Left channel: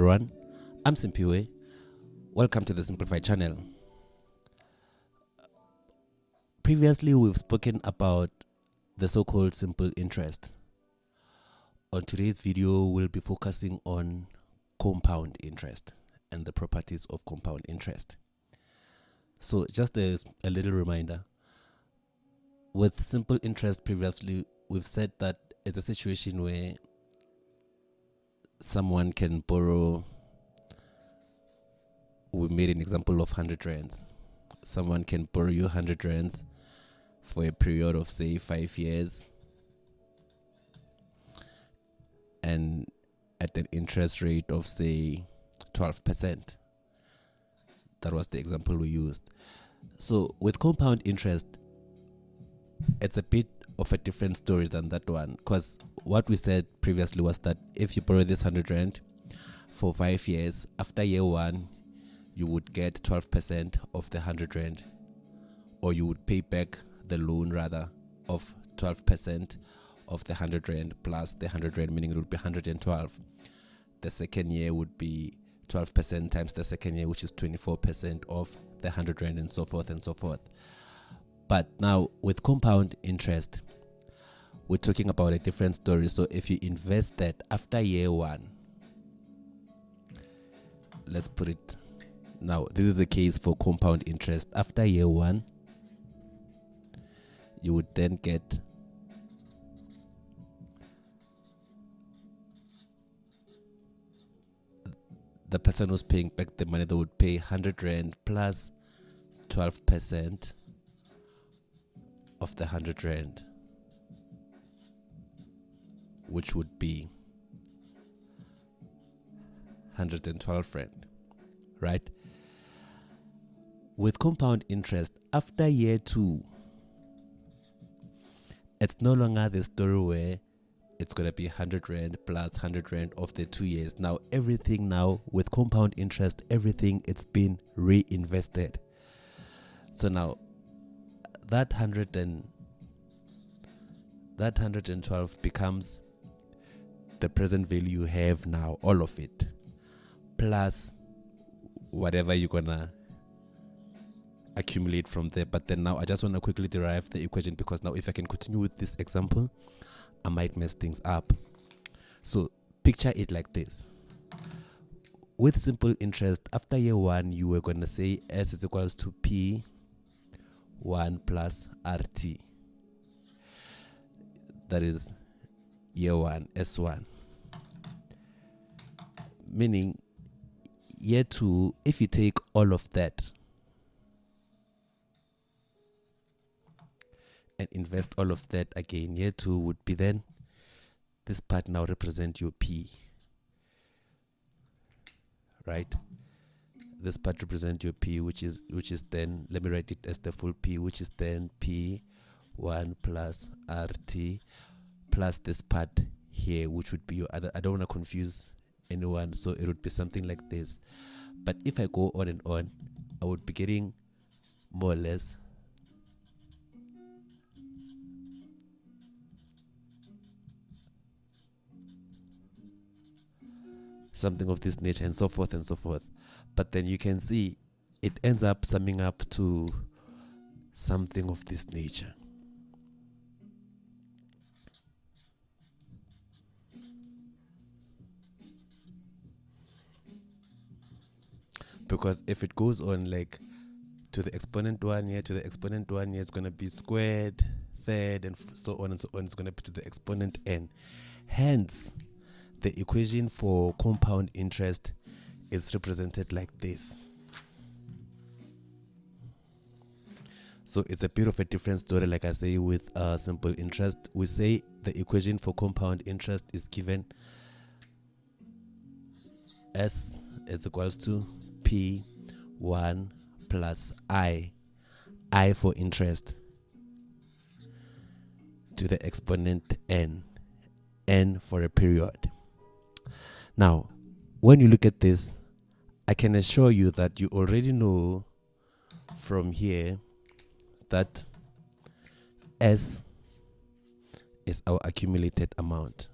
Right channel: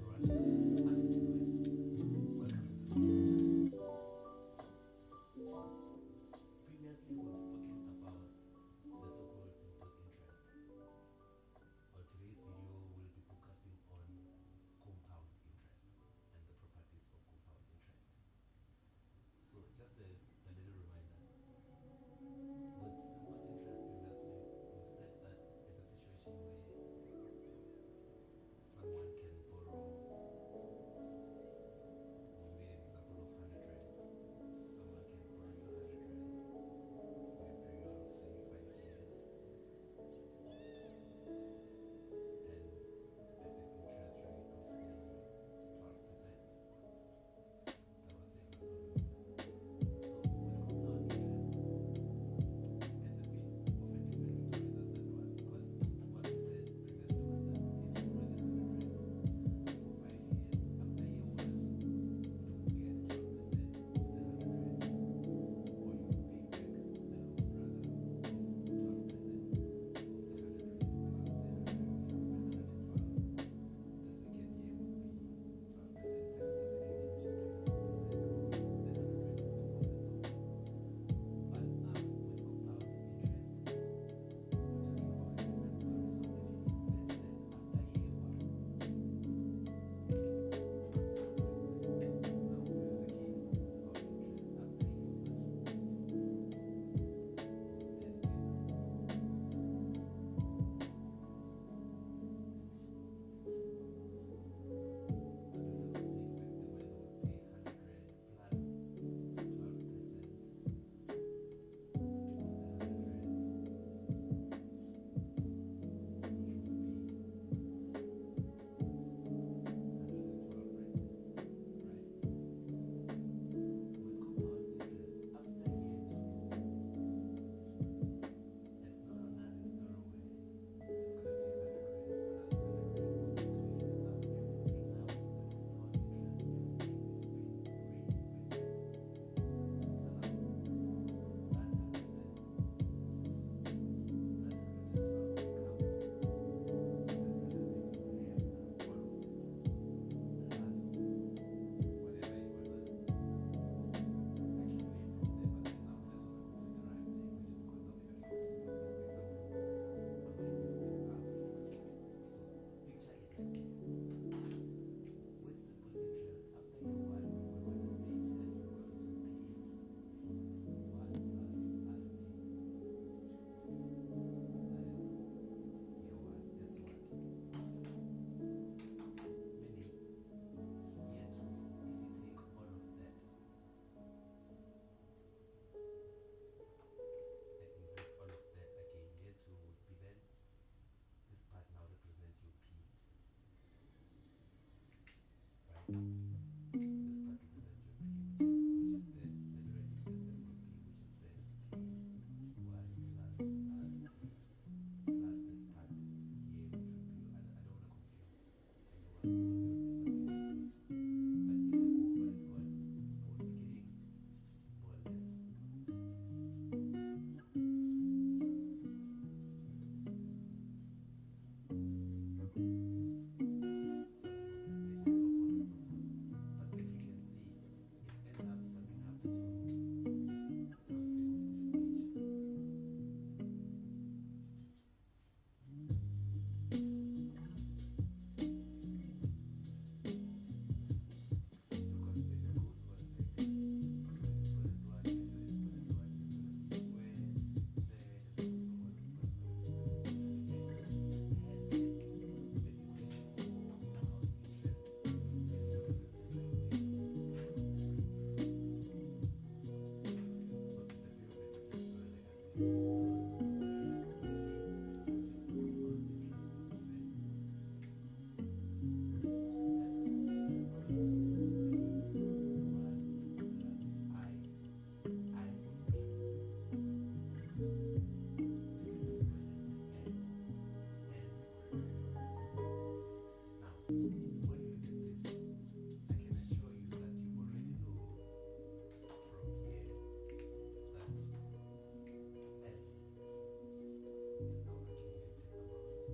everyone, I'm Simpiwe. Welcome to the Simplified channel. Previously, we've spoken about the so-called simple interest. On today's video, we'll be focusing on compound interest and the properties of compound interest. So just a little reminder, with simple interest previously, we've said that it's a situation where someone can borrow. We made an example of 100 rands. Someone can borrow you 100 rands for a period of say 5 years and at an interest rate of say 12%. That was the example we used. So with compound interest, it's a bit of a different story than that one, because what we said previously was that if you borrow this 100 rand for 5 years, after year 1 you would get 12% of the 100 rand, or you would pay back the loan rather of 12% of the 100 rand plus the 100 rand, meaning it would be 112. The second year would be 12% times the second year, which is 24% of the 100 rand, and so forth and so forth. But now with compound interest, we're talking about a different story. So if you invest that after year 1, let's put it now, this is a case for compound interest. After year 1, you would then get the person who's paying back the money, they would pay 100 rand plus 12% of the 100 rand, which would be 112 rand, right? With compound interest, after year 2, it's no longer the story where it's going to be 100 rand plus 100 rand of the 2 years. Now everything now with compound interest, everything, it's been reinvested. So now that 112 becomes the present value you have now, all of it, plus whatever you're gonna accumulate from there. But then now I just want to quickly derive the equation, because now if I can continue with this example, I might mess things up. So picture it like this. With simple interest, after year 1, you were going to say S is equals to P1 plus RT. That is year 1, S1. Meaning year 2, if you take all of that and invest all of that again, year 2 would be then, this part now represent your P, right? This part represent your P, which is then, let me write it as the full P, which is then P1 plus RT plus this part here, which would be your other. I don't want to confuse anyone, so it would be something like this. But if I go on and on, I would be getting more or less something of this nature, and so forth and so forth. But then you can see it ends up summing up to something of this nature. Because if it goes on like to the exponent 1 year, to the exponent 1 year, it's going to be squared, third, and so on and so on. It's going to be to the exponent n. Hence, the equation for compound interest is represented like this. So it's a bit of a different story. Like I say, with simple interest, we say the equation for compound interest is given S is equals to P1 plus I for interest, to the exponent n for a period. Now, when you look at this, I can assure you that you already know from here that S is our accumulated amount.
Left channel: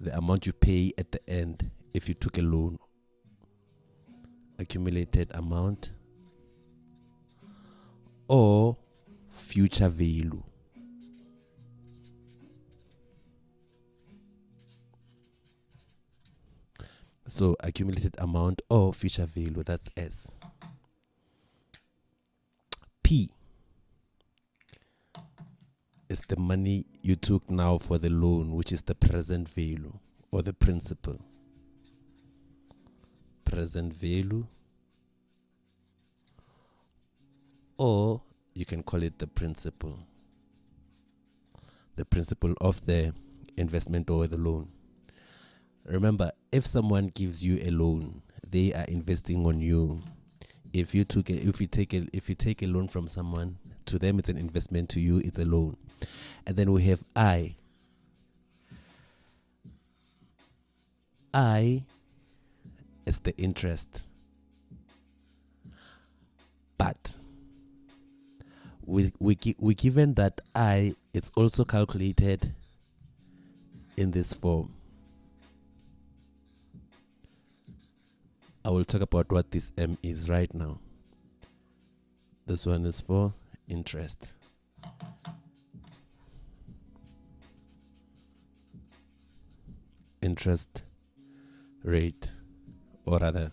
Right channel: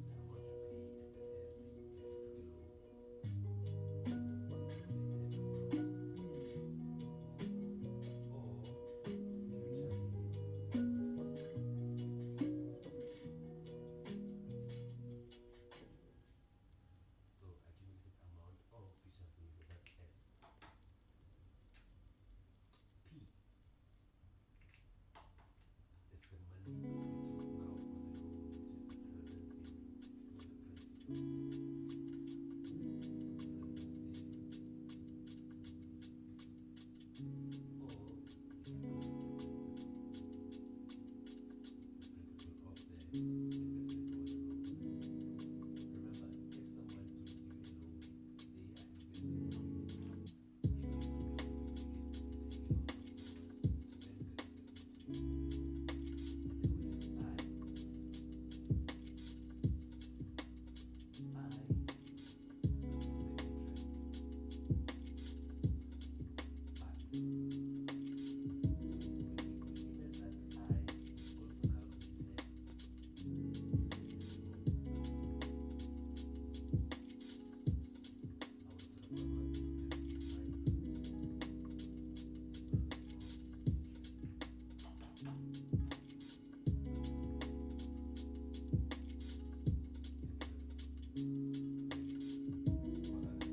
The amount you pay at the end if you took a loan, accumulated amount or future value. So accumulated amount or future value, that's S. P is the money you took now for the loan, which is the present value or the principal. Present value, or you can call it the principal of the investment or the loan. Remember, if someone gives you a loan, they are investing on you. If you take a loan from someone, to them it's an investment, to you it's a loan. And then we have I is the interest, but we given that I is also calculated in this form. I will talk about what this M is right now. This one is for interest. Interest rate, or rather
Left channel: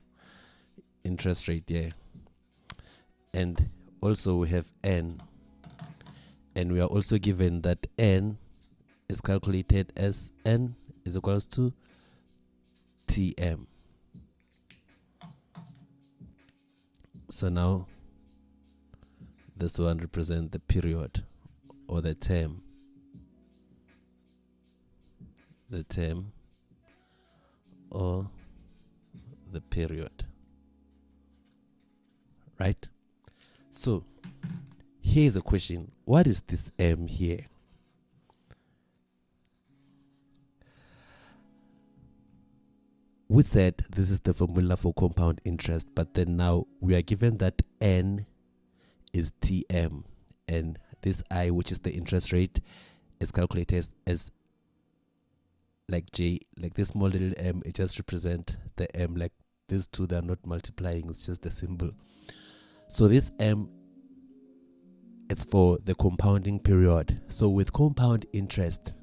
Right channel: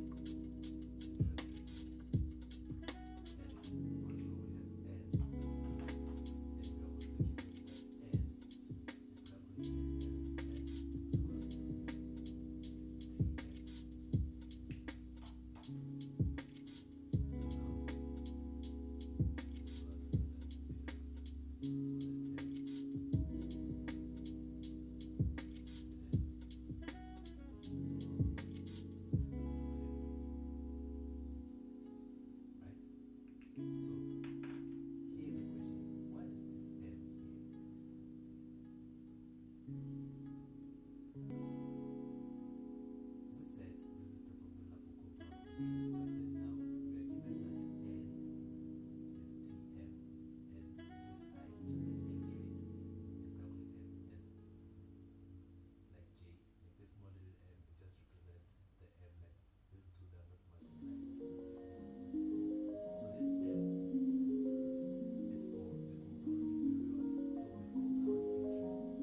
interest rate, yeah. And also we have N, and we are also given that N is calculated as N is equals to TM. So now this one represents the period or the term. The term or the period. Right? So here's a question. What is this M here? We said this is the formula for compound interest, but then now we are given that N is TM, and this I, which is the interest rate, is calculated as like J, like this small little M. It just represents the M, like these two, they're not multiplying, it's just a symbol. So this M, it's for the compounding period. So with compound interest,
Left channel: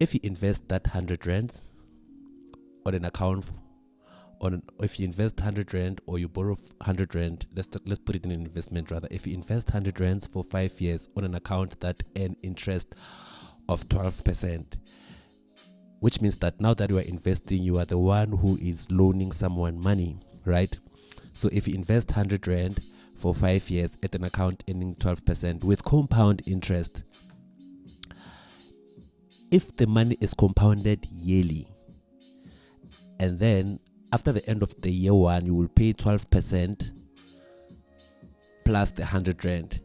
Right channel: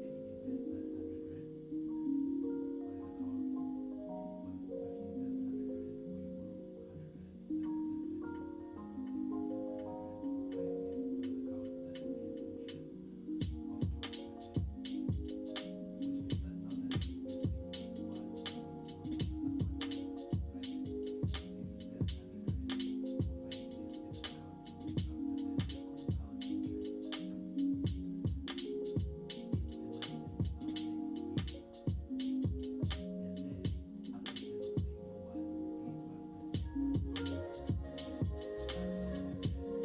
if you invest that 100 rands on an account, if you invest 100 rand or you borrow 100 rand, let's put it in an investment rather. If you invest 100 rands for 5 years on an account that earn interest of 12%, which means that now that you are investing, you are the one who is loaning someone money, right? So if you invest 100 rand for 5 years at an account earning 12% with compound interest, if the money is compounded yearly, and then after the end of the year one, you will pay 12% plus the 100 rand.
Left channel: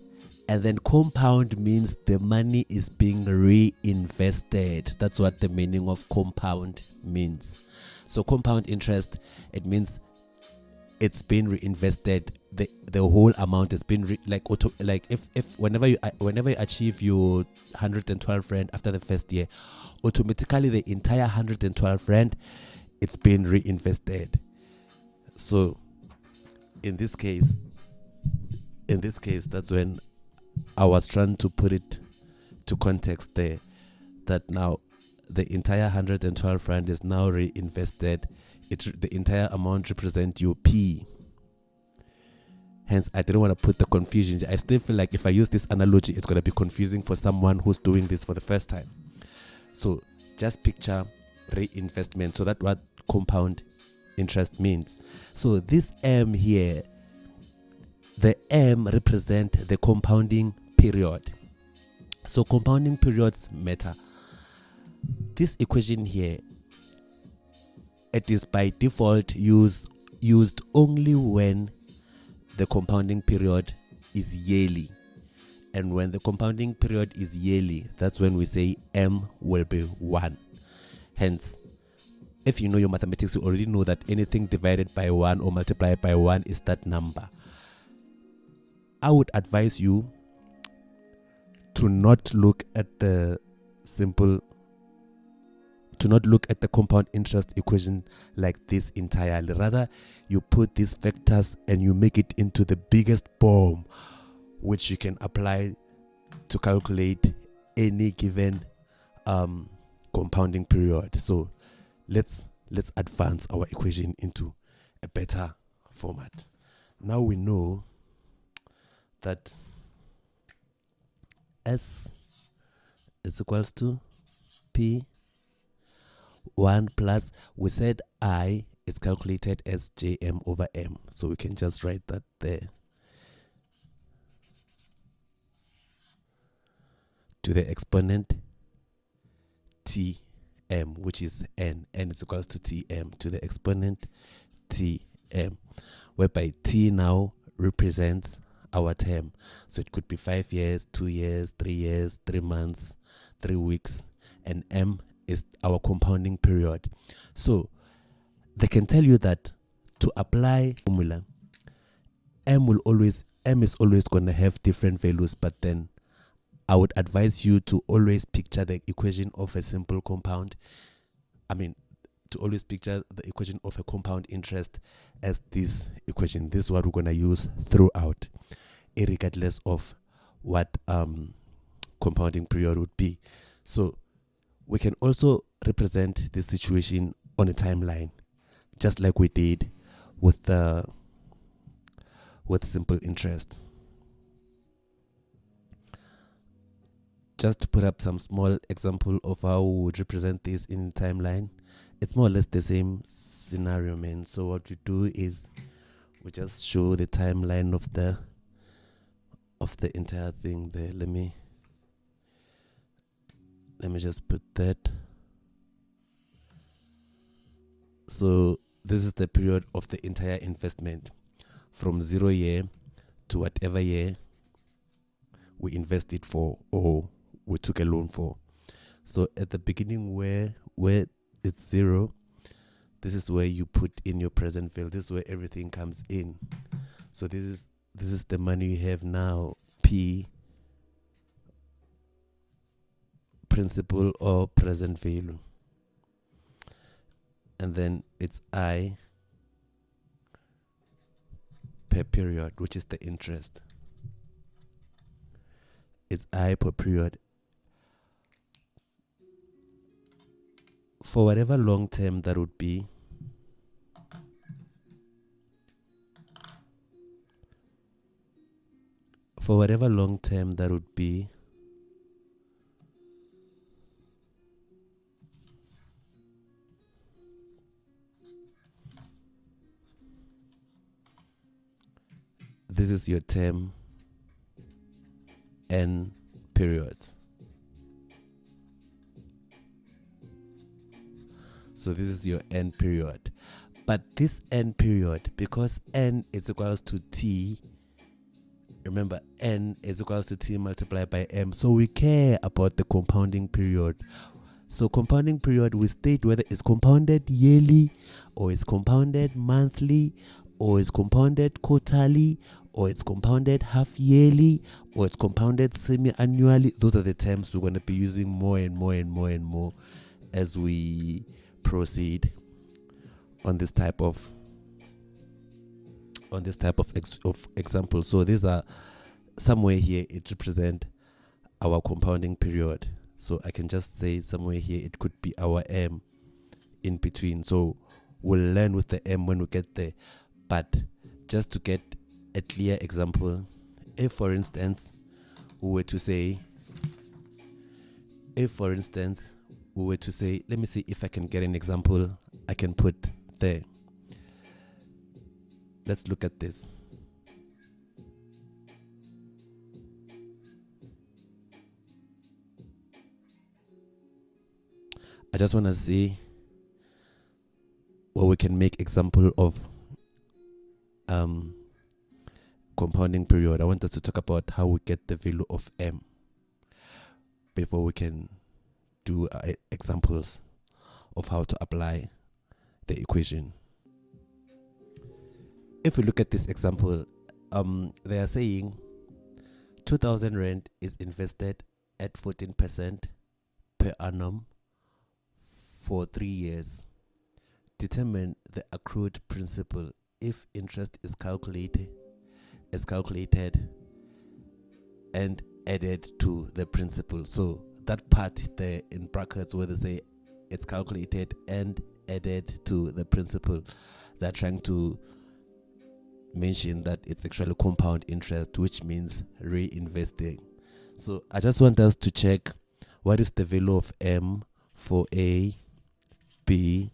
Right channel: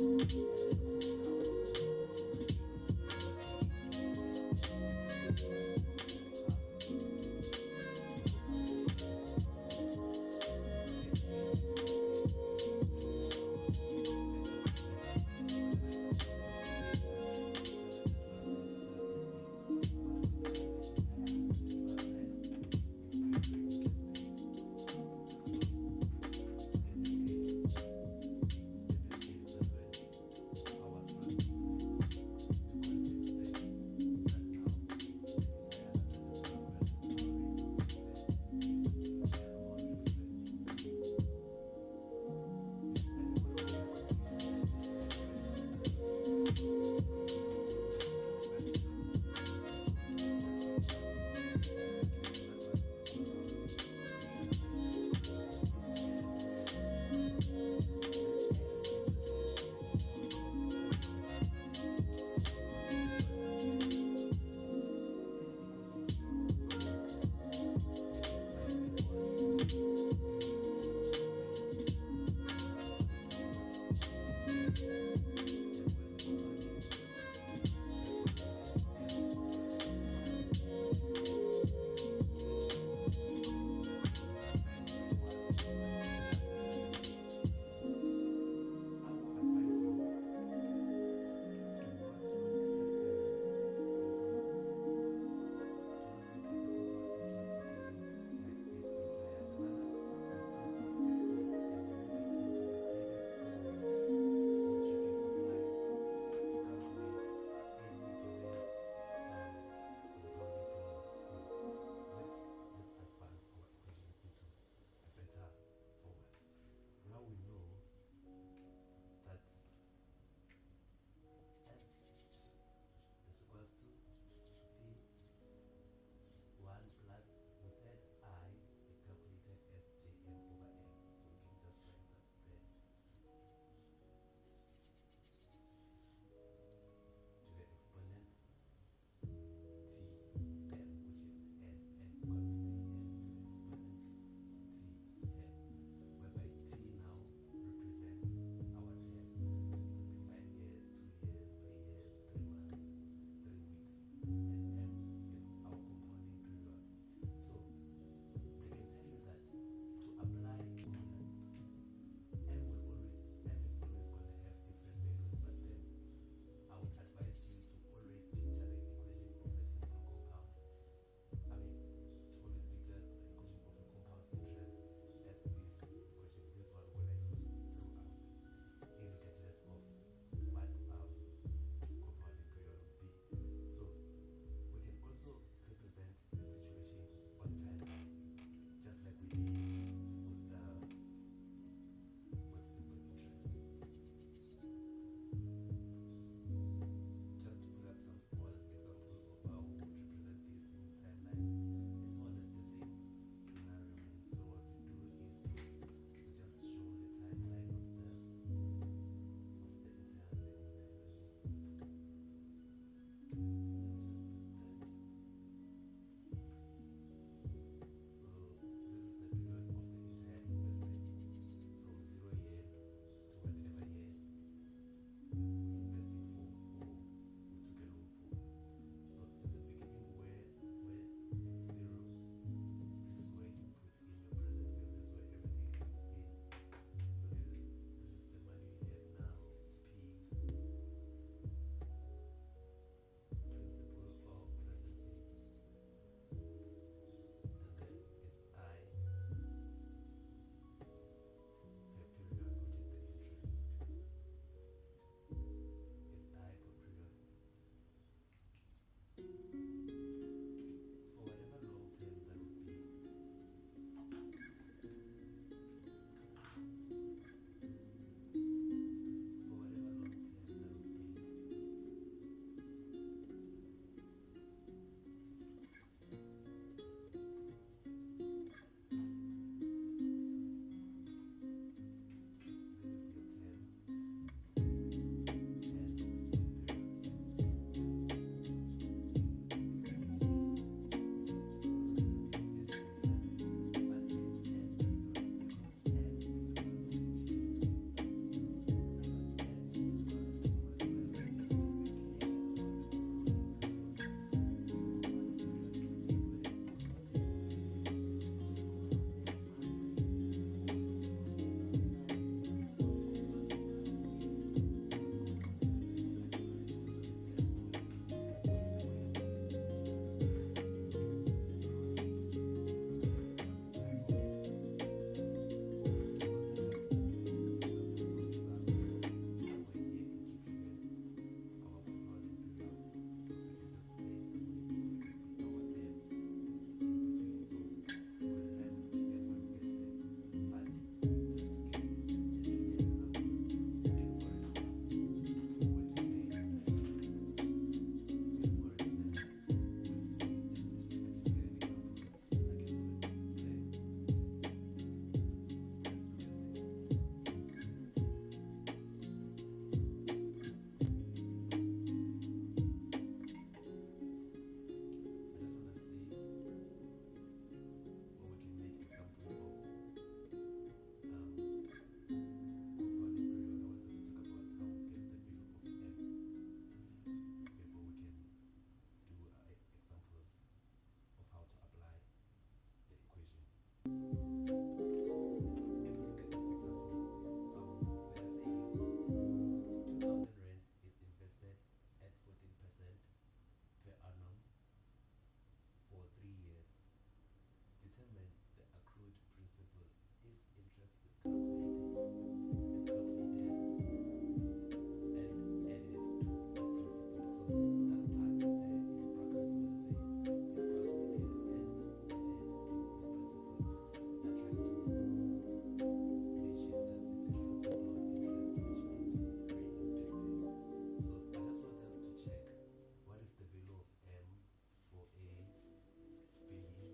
And then compound means the money is being reinvested. That's what the meaning of compound means. So compound interest, it means it's been reinvested. The whole amount has been whenever you achieve your 112 rand after the first year, automatically the entire 112 rand, it's been reinvested. So in this case, that's when I was trying to put it to context there, that now the entire 112 rand is now reinvested. The entire amount represents your P. Hence, I didn't want to put the confusion. I still feel like if I use this analogy, it's going to be confusing for someone who's doing this for the first time. So just picture reinvestment. So that's what compound interest means. So this M here, the M represents the compounding period. So compounding periods matter. This equation here, it is by default used only when the compounding period is yearly. And when the compounding period is yearly, that's when we say M will be 1. Hence, if you know your mathematics, you already know that anything divided by 1 or multiplied by 1 is that number. I would advise you to not look at the simple to not look at the compound interest equation like this entirely. Rather, you put these factors and you make it into the biggest bomb, which you can apply to calculate any given compounding period. So let's advance our equation into a better format. Now we know that S is equals to P 1 plus, we said I is calculated as Jm over M, so we can just write that there, to the exponent Tm, which is N is equals to Tm to the exponent Tm, whereby T now represents our term. So it could be 5 years, 2 years, 3 years, 3 months, 3 weeks, and M is our compounding period. So they can tell you that to apply formula, M is always going to have different values, but then I would advise you to always picture the equation of a simple compound. To always picture the equation of a compound interest as this equation. This is what we're going to use throughout, regardless of what compounding period would be. So we can also represent this situation on a timeline, just like we did with simple interest. Just to put up some small example of how we would represent this in timeline, it's more or less the same scenario, man. So what we do is we just show the timeline of the entire thing there. Let me just put that. So this is the period of the entire investment, from 0 year to whatever year we invested for or we took a loan for. So at the beginning where it's 0, this is where you put in your present value. This is where everything comes in. So this is the money you have now, P, principal or present value, and then it's I per period, which is the interest. It's I per period. For whatever long term that would be, this is your term N periods. So this is your N period. But this N period, because N is equals to T, remember N is equals to T multiplied by M. So we care about the compounding period. So compounding period, we state whether it's compounded yearly, or it's compounded monthly, or it's compounded quarterly, or it's compounded half yearly, or it's compounded semi-annually. Those are the terms we're going to be using more and more and more and more as we proceed on this type of example. So these are somewhere here it represent our compounding period. So I can just say somewhere here it could be our M in between. So we'll learn with the M when we get there. But just to get a clear example, if for instance we were to say, let me see if I can get an example I can put there. Let's look at this. I just want to see where we can make example of compounding period. I want us to talk about how we get the value of M before we can do examples of how to apply the equation. If we look at this example, they are saying 2,000 rand is invested at 14% per annum for 3 years. Determine the accrued principal if interest is calculated and added to the principal. So that part there in brackets where they say it's calculated and added to the principal, they're trying to mention that it's actually compound interest, which means reinvesting. So I just want us to check what is the value of M for A, B,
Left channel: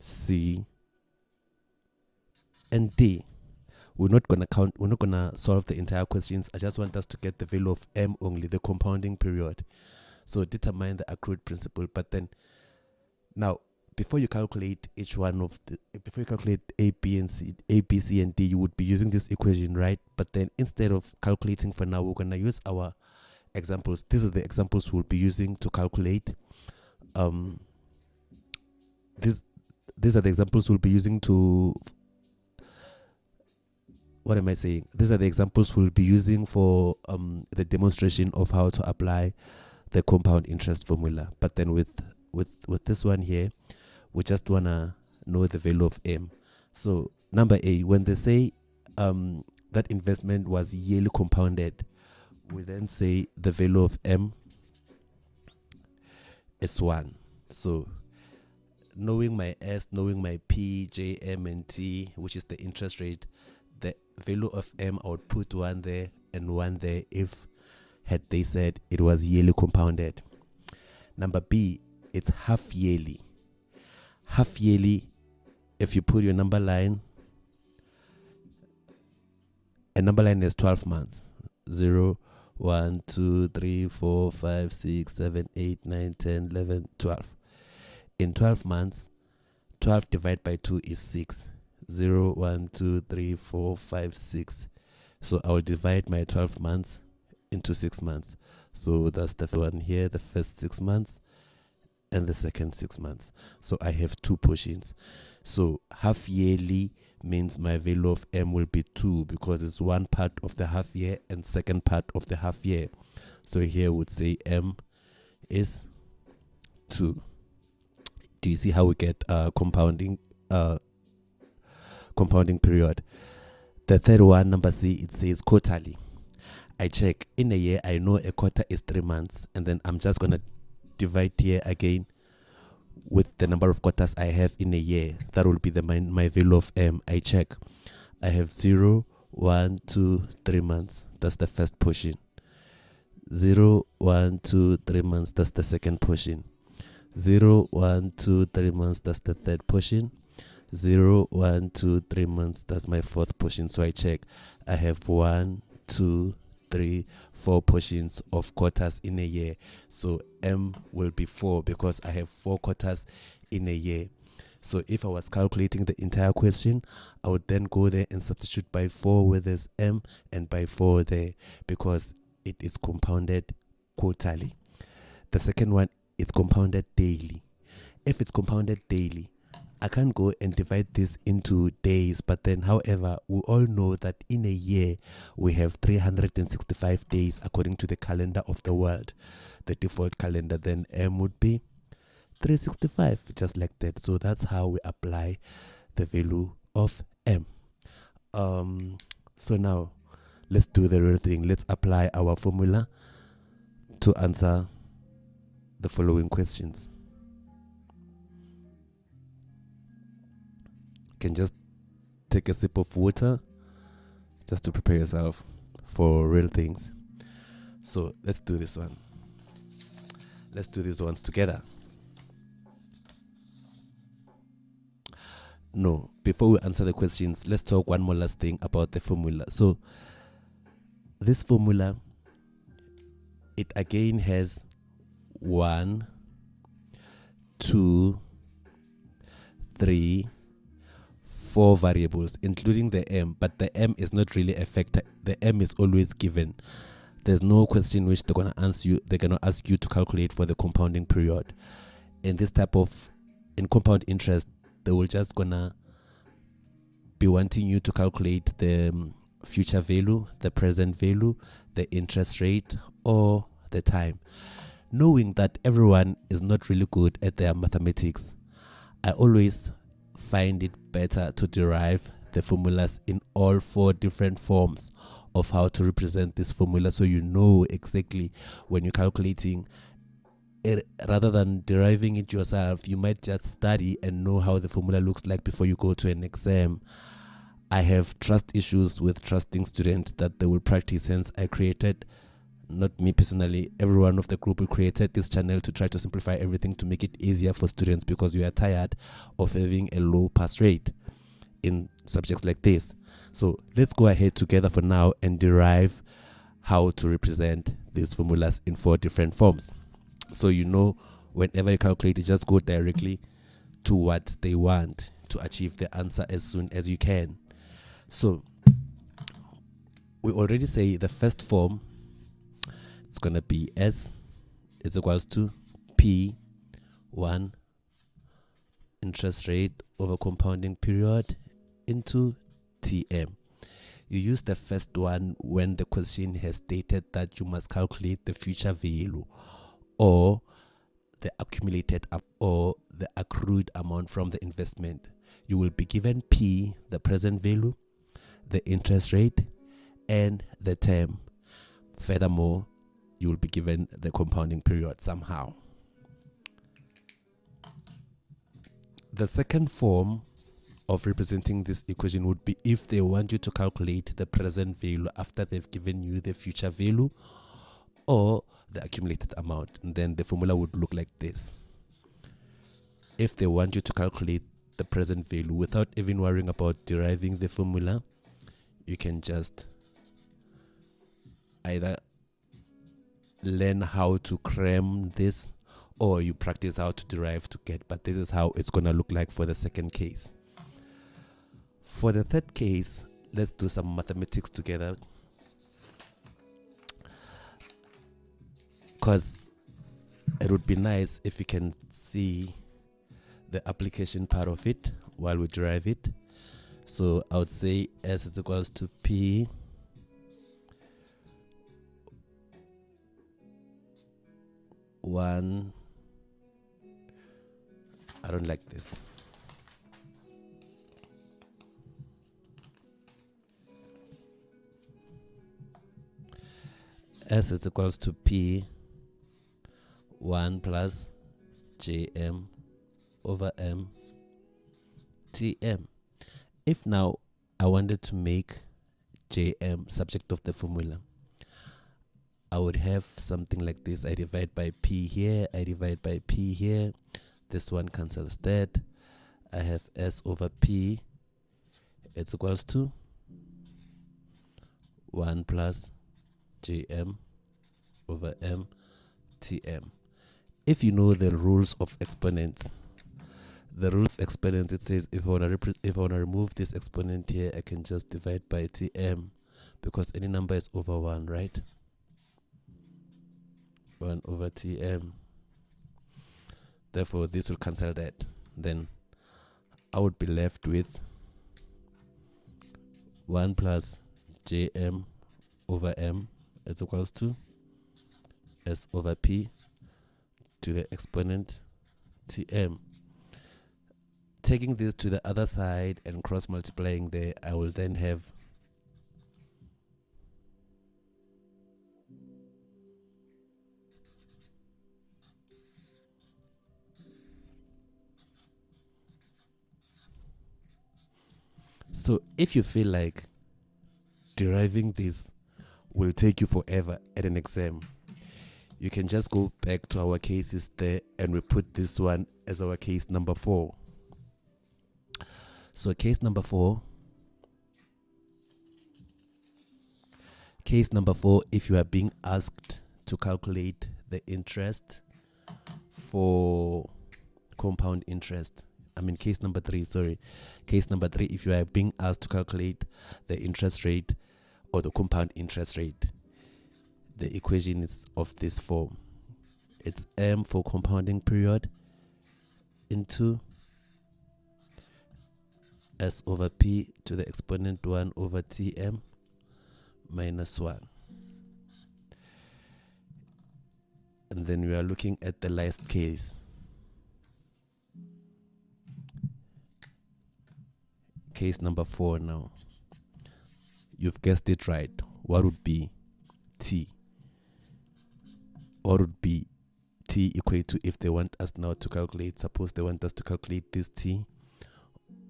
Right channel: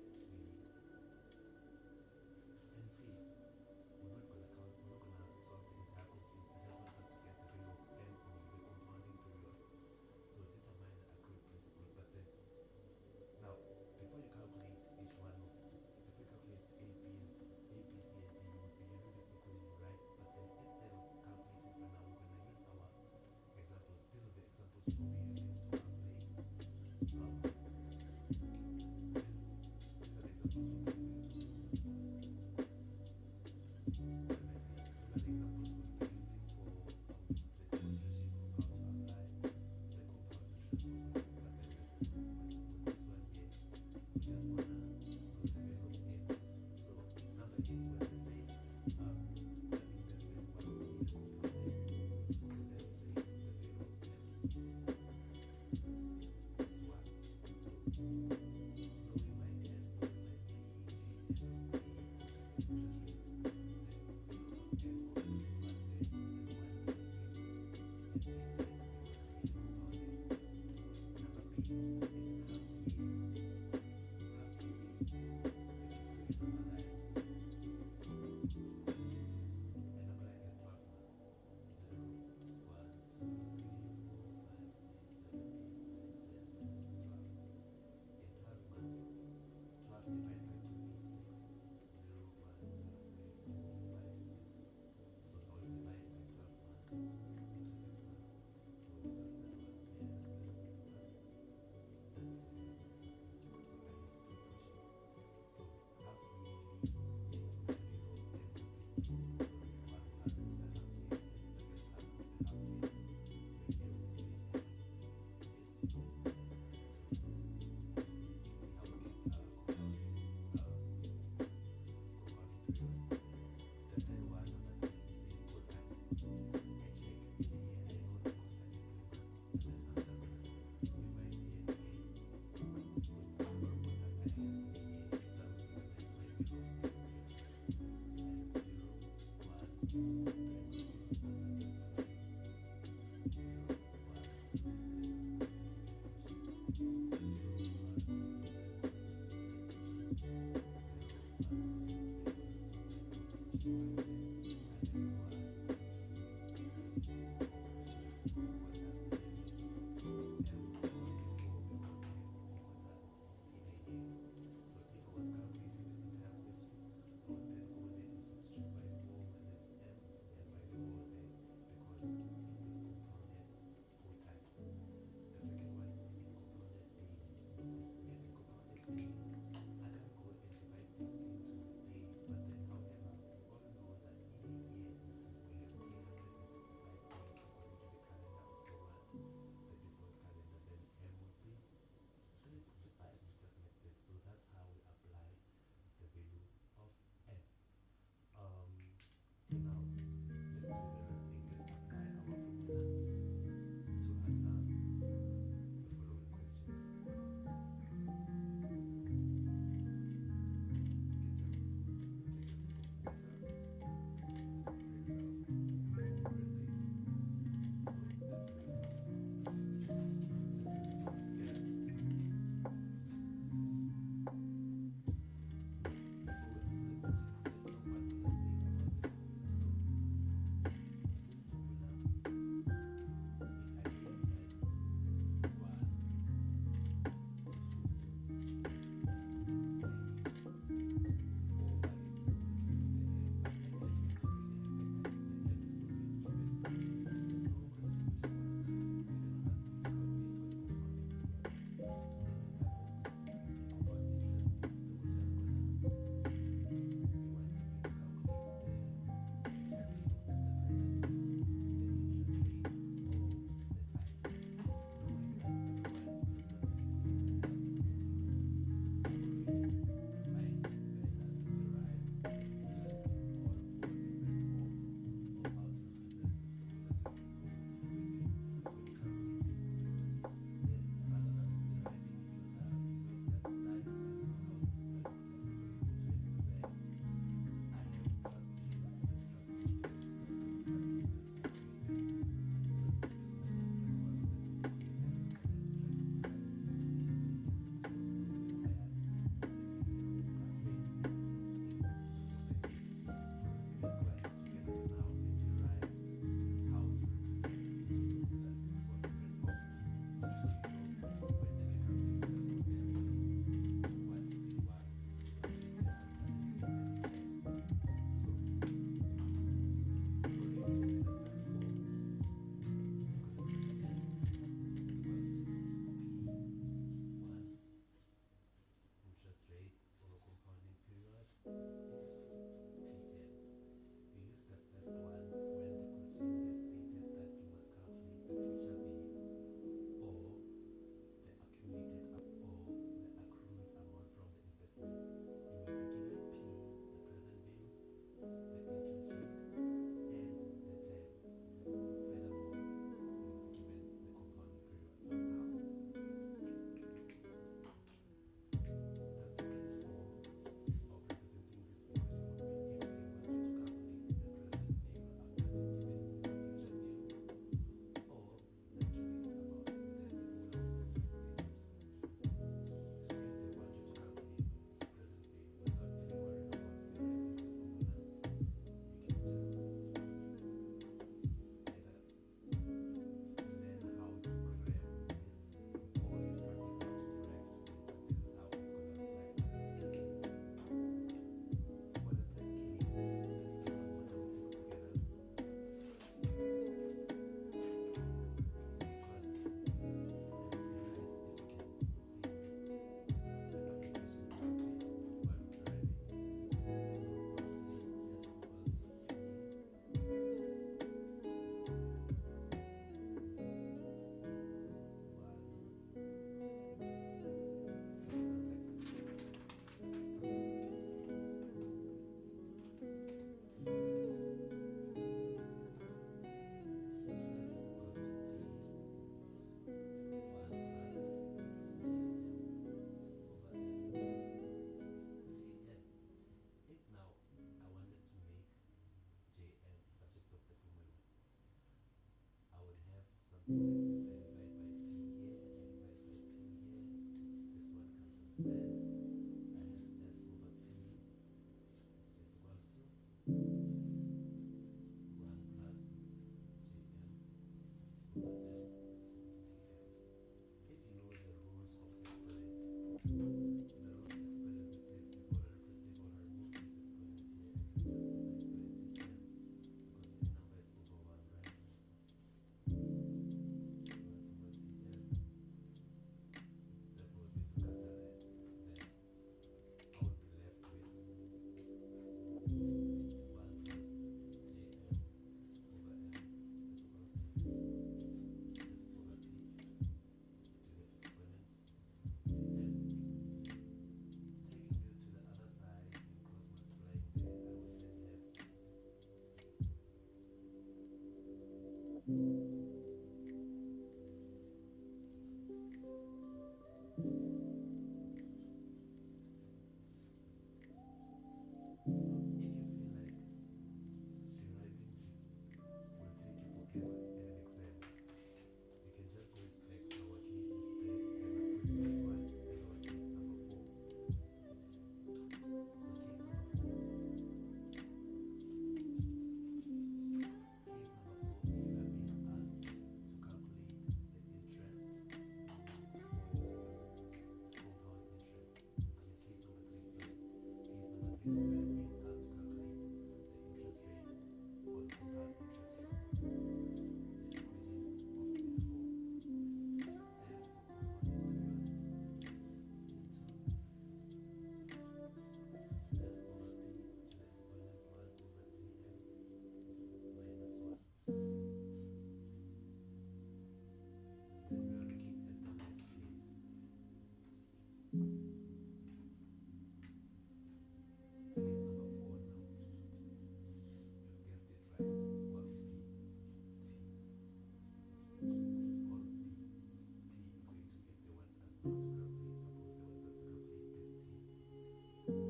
C, and D. We're not gonna solve the entire questions. I just want us to get the value of M only, the compounding period. So determine the accrued principal. But then now, before you calculate each one of before you calculate A, B, C, and D, you would be using this equation, right? But then instead of calculating for now, we're gonna use our examples. These are the examples we'll be using to calculate. These are the examples we'll be using to. What am I saying? These are the examples we'll be using for the demonstration of how to apply the compound interest formula. But then with this one here, we just wanna know the value of M. So number A, when they say that investment was yearly compounded, we then say the value of M is 1. So knowing my S, knowing my P, J, M, and T, which is the interest rate, the value of M, I would put 1 there and 1 there if had they said it was yearly compounded. Number B, it's half yearly. Half yearly, if you put your number line, a number line is 12 months. 0, 1, 2, 3, 4, 5, 6, 7, 8, 9, 10, 11, 12. In 12 months, 12 divided by 2 is 6. 0, 1, 2, 3, 4, 5, 6. So I will divide my 12 months into 6 months. So that's the one here, the first 6 months and the second 6 months. So I have 2 portions. So half yearly means my value of M will be 2 because it's one part of the half year and second part of the half year. So here would say M is 2. Do you see how we get compounding period? The third one, number C, it says quarterly. I check in a year, I know a quarter is 3 months, and then I'm just gonna divide here again with the number of quarters I have in a year. That will be my value of M. I check. I have 0, 1, 2, 3 months. That's the first portion. 0, 1, 2, 3 months. That's the second portion. 0, 1, 2, 3 months. That's the third portion. 0, 1, 2, 3 months. That's my fourth portion. So I check. I have 1, 2, 3, 4 portions of quarters in a year. So M will be 4 because I have 4 quarters in a year. So if I was calculating the entire question, I would then go there and substitute by 4 where there's M and by 4 there because it is compounded quarterly. The second one, it's compounded daily. If it's compounded daily, I can't go and divide this into days, but then however, we all know that in a year we have 365 days according to the calendar of the world, the default calendar. Then M would be 365, just like that. So that's how we apply the value of M. So now let's do the real thing. Let's apply our formula to answer the following questions. You can just take a sip of water just to prepare yourself for real things. So let's do this one. Let's do these ones together. No, before we answer the questions, let's talk one more last thing about the formula. So this formula, it again has 1, 2, 3, 4 variables, including the M, but the M is not really a factor. The M is always given. There's no question which they're gonna ask you to calculate for the compounding period. In this type of, in compound interest, they will just gonna be wanting you to calculate the future value, the present value, the interest rate, or the time. Knowing that everyone is not really good at their mathematics, I always find it better to derive the formulas in all 4 different forms of how to represent this formula, so you know exactly when you're calculating it. Rather than deriving it yourself, you might just study and know how the formula looks like before you go to an exam. I have trust issues with trusting students that they will practice, hence I created, not me personally, everyone of the group, we created this channel to try to simplify everything to make it easier for students, because we are tired of having a low pass rate in subjects like this. So let's go ahead together for now and derive how to represent these formulas in 4 different forms. So you know, whenever you calculate it, just go directly to what they want to achieve the answer as soon as you can. So we already say the first form, it's going to be S is equals to P1 interest rate over compounding period into TM. You use the first one when the question has stated that you must calculate the future value or the accumulated or the accrued amount from the investment. You will be given P, the present value, the interest rate, and the term. Furthermore, you will be given the compounding period somehow. The second form of representing this equation would be if they want you to calculate the present value after they've given you the future value or the accumulated amount, and then the formula would look like this. If they want you to calculate the present value without even worrying about deriving the formula, you can just either learn how to cram this or you practice how to derive to get, but this is how it's going to look like for the second case. For the third case, let's do some mathematics together, because it would be nice if you can see the application part of it while we derive it. So I would say S is equals to P one. I don't like this. S is equals to P 1 plus JM over M TM. If now I wanted to make JM subject of the formula, I would have something like this. I divide by P here, I divide by P here. This one cancels that. I have S over P. It's equals to 1 plus JM over M TM. If you know the rules of exponents, it says if I want to remove this exponent here, I can just divide by TM, because any number is over 1, right? 1 over TM. Therefore, this will cancel that. Then I would be left with 1 plus JM over M is equals to S over P to the exponent TM. Taking this to the other side and cross multiplying there, I will then have so if you feel like deriving this will take you forever at an exam, you can just go back to our cases there and we put this one as our case number 4. So case number 4, if you are being asked to calculate the interest for compound interest, case number 3, if you are being asked to calculate the interest rate or the compound interest rate, the equation is of this form. It's M for compounding period into S over P to the exponent 1 over TM minus 1. And then we are looking at the last case. Case number 4 now. You've guessed it right. What would be T? What would be T equate to if they want us now to calculate? Suppose they want us to calculate this T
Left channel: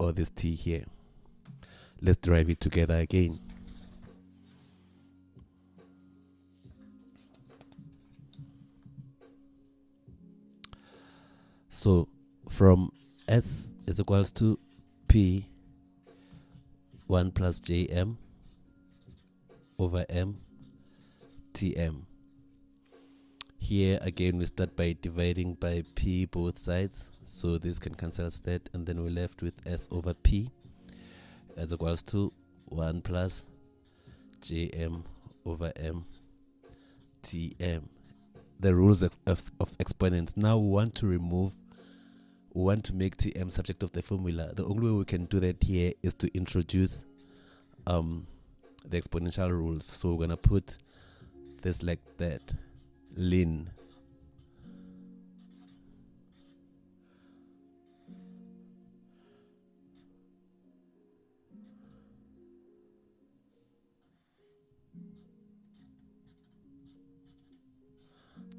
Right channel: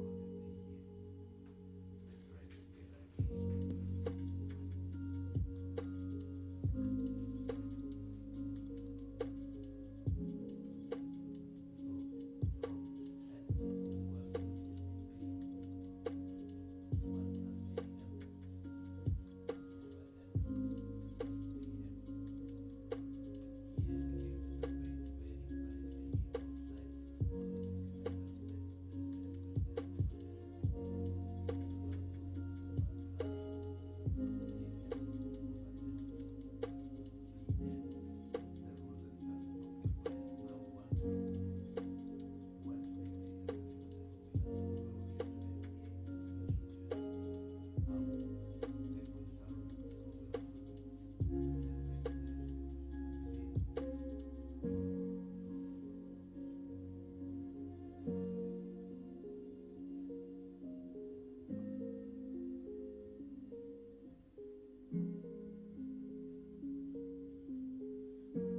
or this T here. Let's derive it together again. So from S is equals to P 1 plus Jm over M Tm. Here again we start by dividing by P both sides, so this can cancel that, and then we're left with S over P as equals to 1 plus Jm over M Tm. The rules of exponents. Now we want to make Tm subject of the formula. The only way we can do that here is to introduce the exponential rules. So we're gonna put this like that. Ln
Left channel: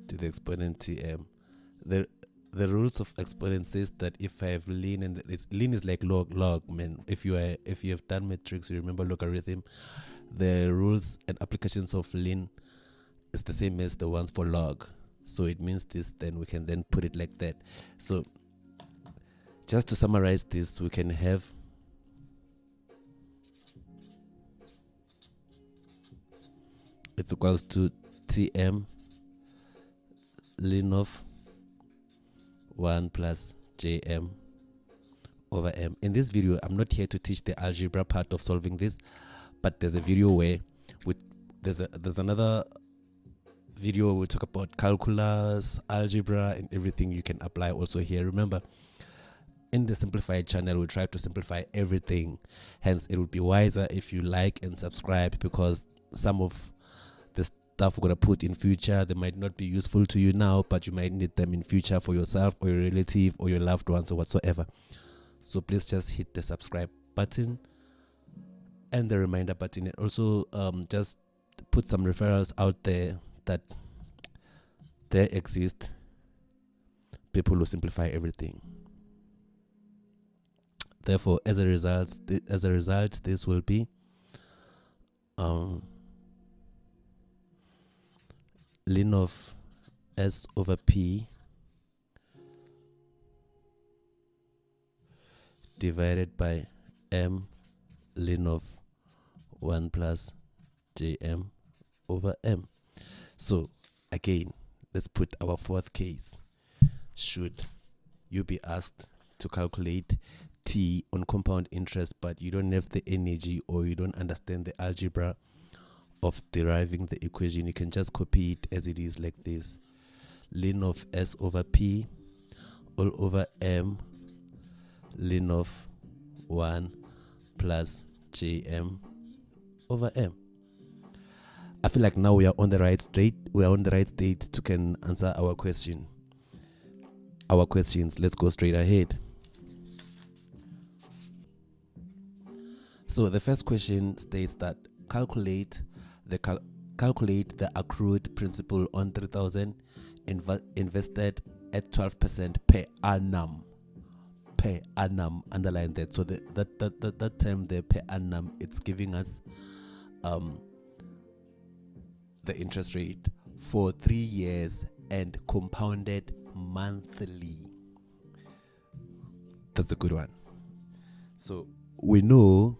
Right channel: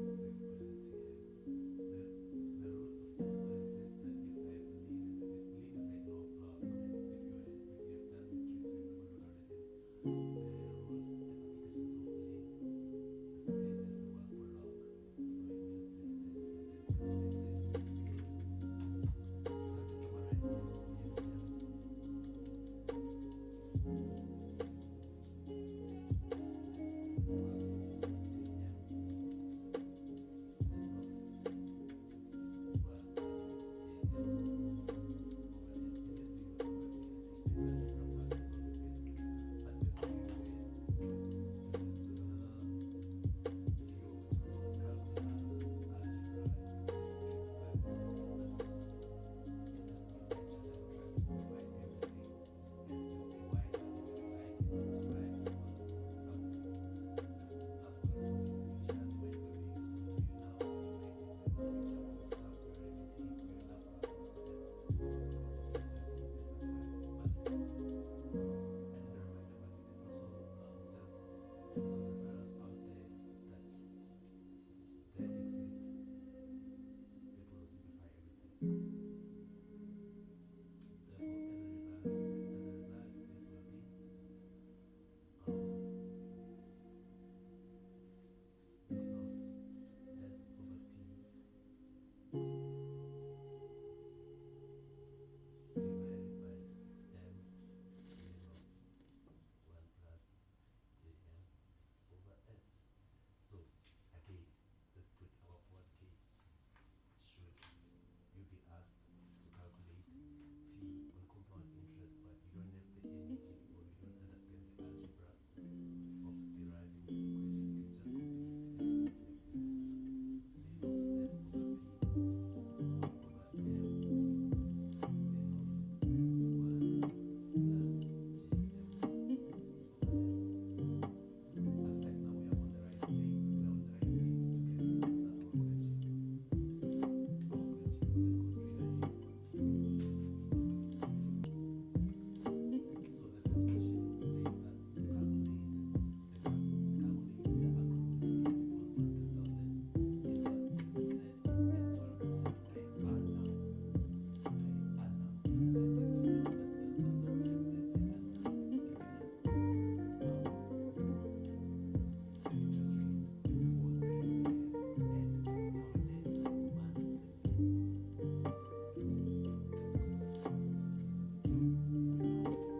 to the exponent Tm. The rules of exponent says that if I have ln, and ln is like log, man. If you have done matrix, you remember logarithm. The rules and applications of ln is the same as the ones for log. So it means this, then we can then put it like that. So just to summarize this, we can have it's equals to Tm ln of 1 plus Jm over M. In this video, I'm not here to teach the algebra part of solving this, but there's a video where there's another video where we talk about calculus, algebra, and everything you can apply also here. Remember, in the simplified channel, we try to simplify everything. Hence, it would be wiser if you like and subscribe, because some of the stuff we're going to put in future, they might not be useful to you now, but you might need them in future for yourself or your relative or your loved ones or whatsoever. So please just hit the subscribe button and the reminder button, and also just put some referrals out there that there exist people who simplify everything. Therefore, as a result, this will be ln of S over P divided by M ln of 1 plus Jm over M. So again, let's put our fourth case. Should you be asked to calculate T on compound interest, but you don't have the energy or you don't understand the algebra of deriving the equation, you can just copy it as it is like this. Ln of S over P all over M ln of 1 plus Jm over M. I feel like now we are on the right state. To can answer our questions. Let's go straight ahead. So the first question states that calculate the accrued principal on 3,000 invested at 12% per annum. Per annum, underline that. So that term there, per annum, it's giving us the interest rate for 3 years and compounded monthly. That's a good one. So we know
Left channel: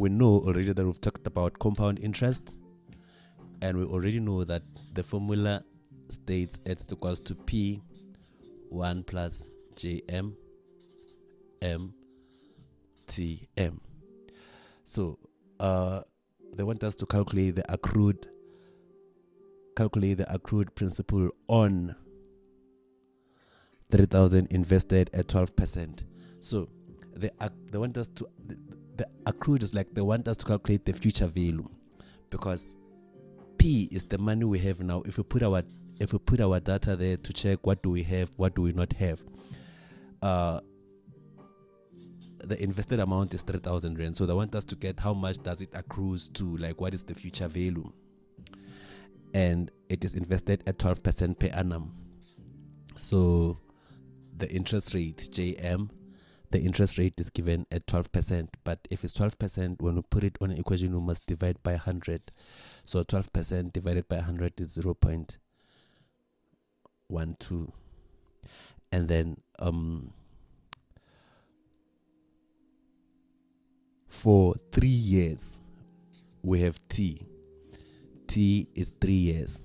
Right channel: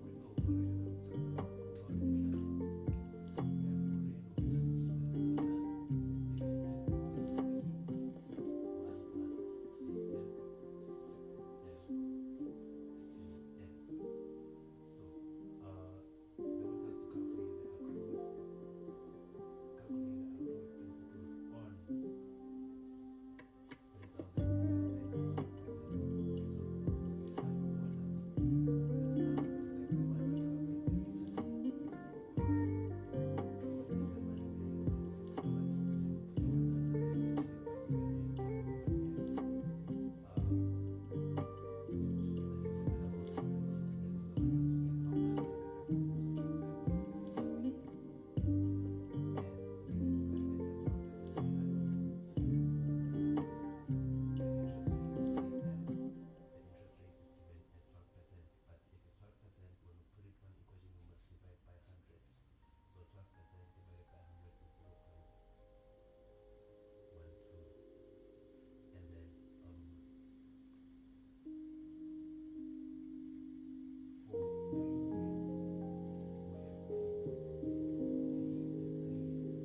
already that we've talked about compound interest, and we already know that the formula states it's equals to P 1 plus Jm M Tm. So they want us to calculate the accrued principal on 3,000 invested at 12%. So they want us to the accrued is like they want us to calculate the future value, because P is the money we have now. If we put our data there to check what do we have, what do we not have, the invested amount is 3,000 rand. So they want us to get how much does it accrues to, like what is the future value, and it is invested at 12% per annum. So the interest rate JM, the interest rate is given at 12%, but if it's 12%, when we put it on an equation, we must divide by 100. So 12% divided by 100 is 0.12. And then for 3 years, we have T. T is 3 years.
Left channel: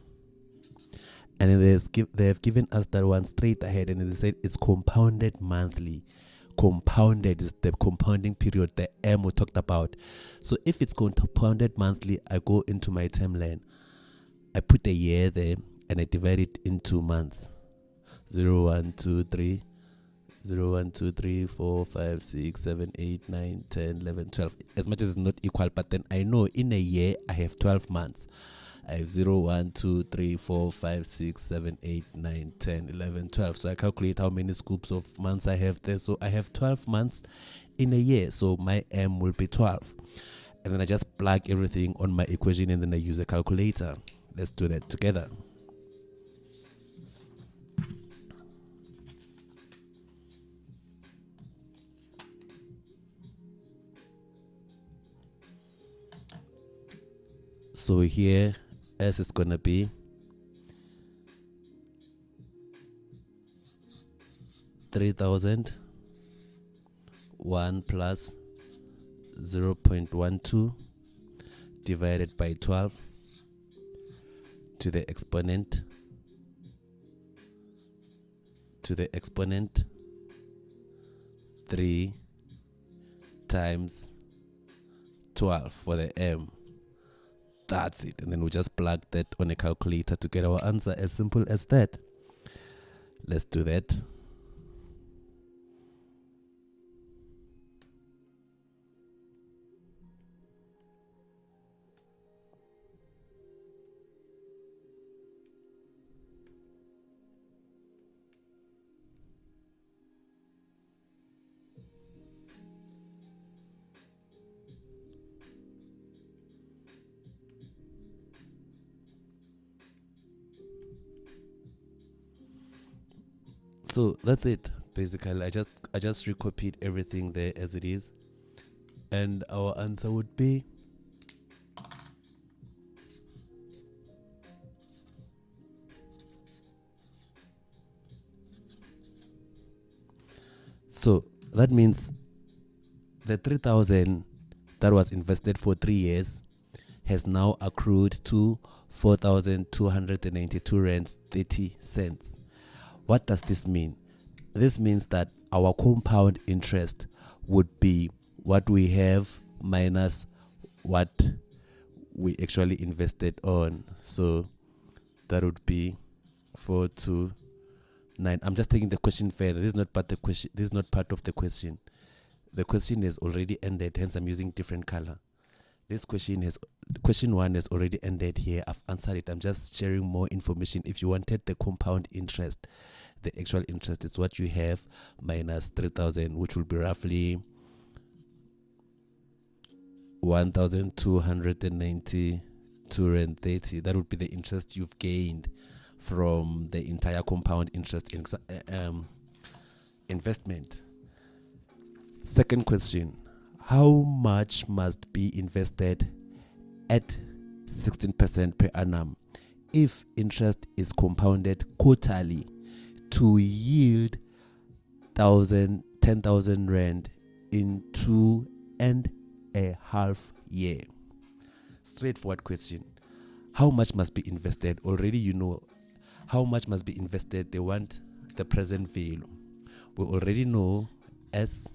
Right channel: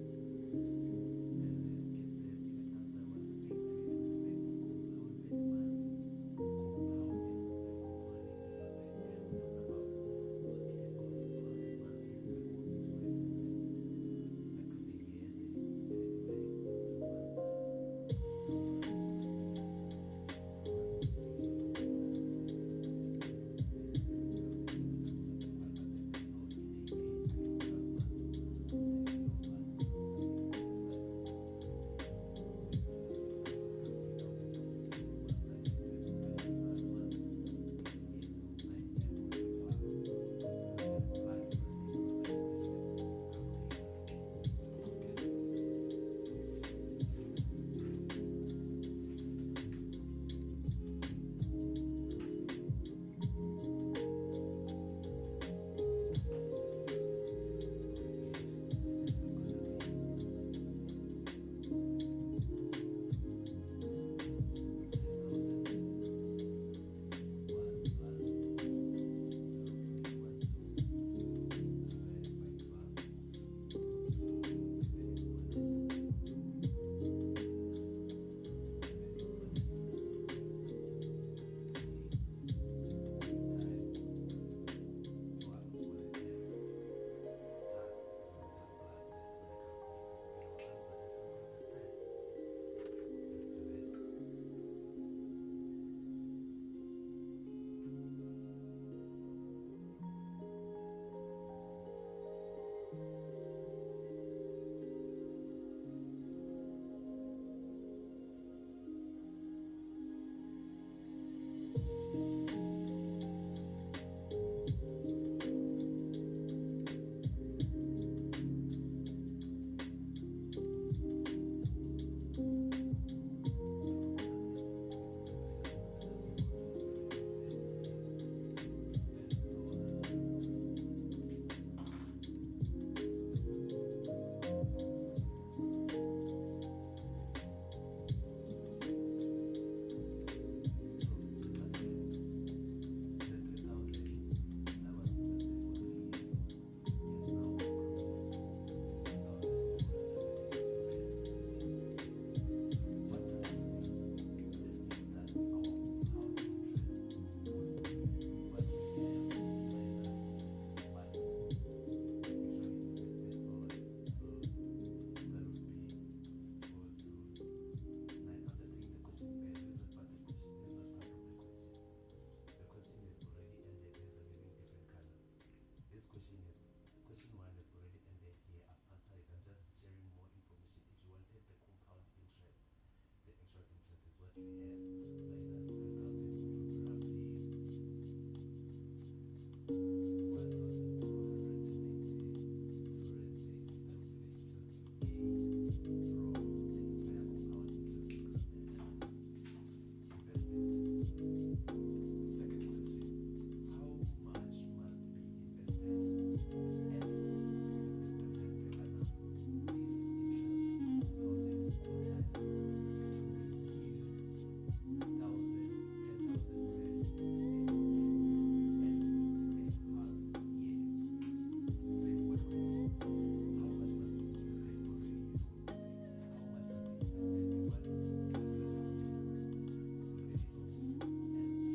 And then they have given us that one straight ahead, and they said it's compounded monthly. Compounded is the compounding period, the M we talked about. So if it's compounded monthly, I go into my timeline, I put a year there, and I divide it into months. 0, 1, 2, 3, 0, 1, 2, 3, 4, 5, 6, 7, 8, 9, 10, 11, 12. As much as it's not equal, but then I know in a year I have 12 months. I have 0, 1, 2, 3, 4, 5, 6, 7, 8, 9, 10, 11, 12. So I calculate how many scoops of months I have there. So I have 12 months in a year. So my M will be 12. And then I just plug everything on my equation, and then I use a calculator. Let's do that together. So here S is gonna be 3,000 1 plus 0.12 divided by 12 to the exponent 3 times 12 for the M. That's it. And then we just plug that on a calculator to get our answer. As simple as that. Let's do that. So that's it. Basically, I just recopied everything there as it is, and our answer would be so that means the 3,000 that was invested for 3 years has now accrued to 4,292 rands 30 cents. What does this mean? This means that our compound interest would be what we have minus what we actually invested on. So that would be 429. I'm just taking the question further. This is not part of the question. This is not part of the question. The question has already ended, hence I'm using different color. This question 1 has already ended here. I've answered it. I'm just sharing more information. If you wanted the compound interest, the actual interest is what you have minus 3,000, which will be roughly 1,292.30. That would be the interest you've gained from the entire compound interest investment. Second question: how much must be invested at 16% per annum if interest is compounded quarterly to yield 10,000 rand in 2.5 years? Straightforward question. How much must be invested? Already you know how much must be invested. They want the present value. We already know S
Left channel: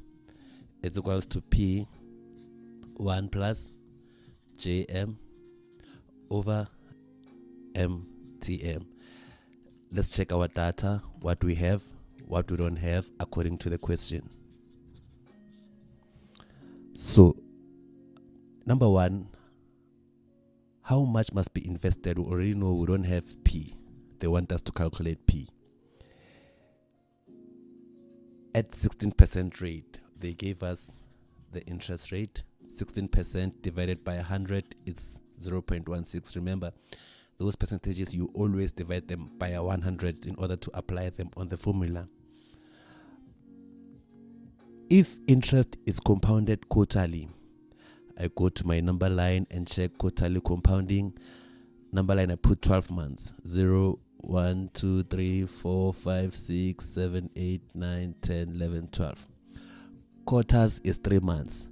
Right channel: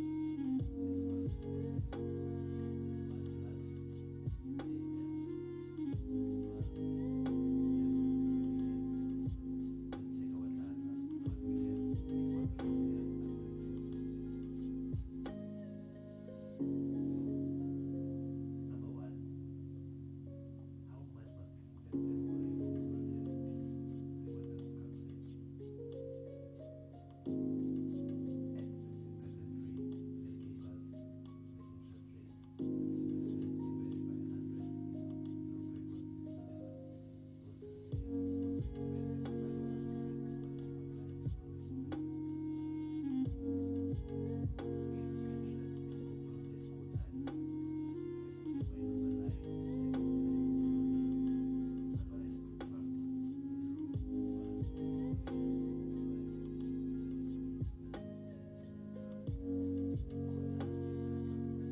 is equals to P 1 plus JM over MTM. Let's check our data, what we have, what we don't have, according to the question. So, number 1, how much must be invested? We already know we don't have P. They want us to calculate P. At 16% rate, they gave us the interest rate. 16% divided by 100 is 0.16. Remember, those percentages, you always divide them by 100 in order to apply them on the formula. If interest is compounded quarterly, I go to my number line and check quarterly compounding. Number line, I put 12 months. 0, 1, 2, 3, 4, 5, 6, 7, 8, 9, 10, 11, 12. Quarters is 3 months.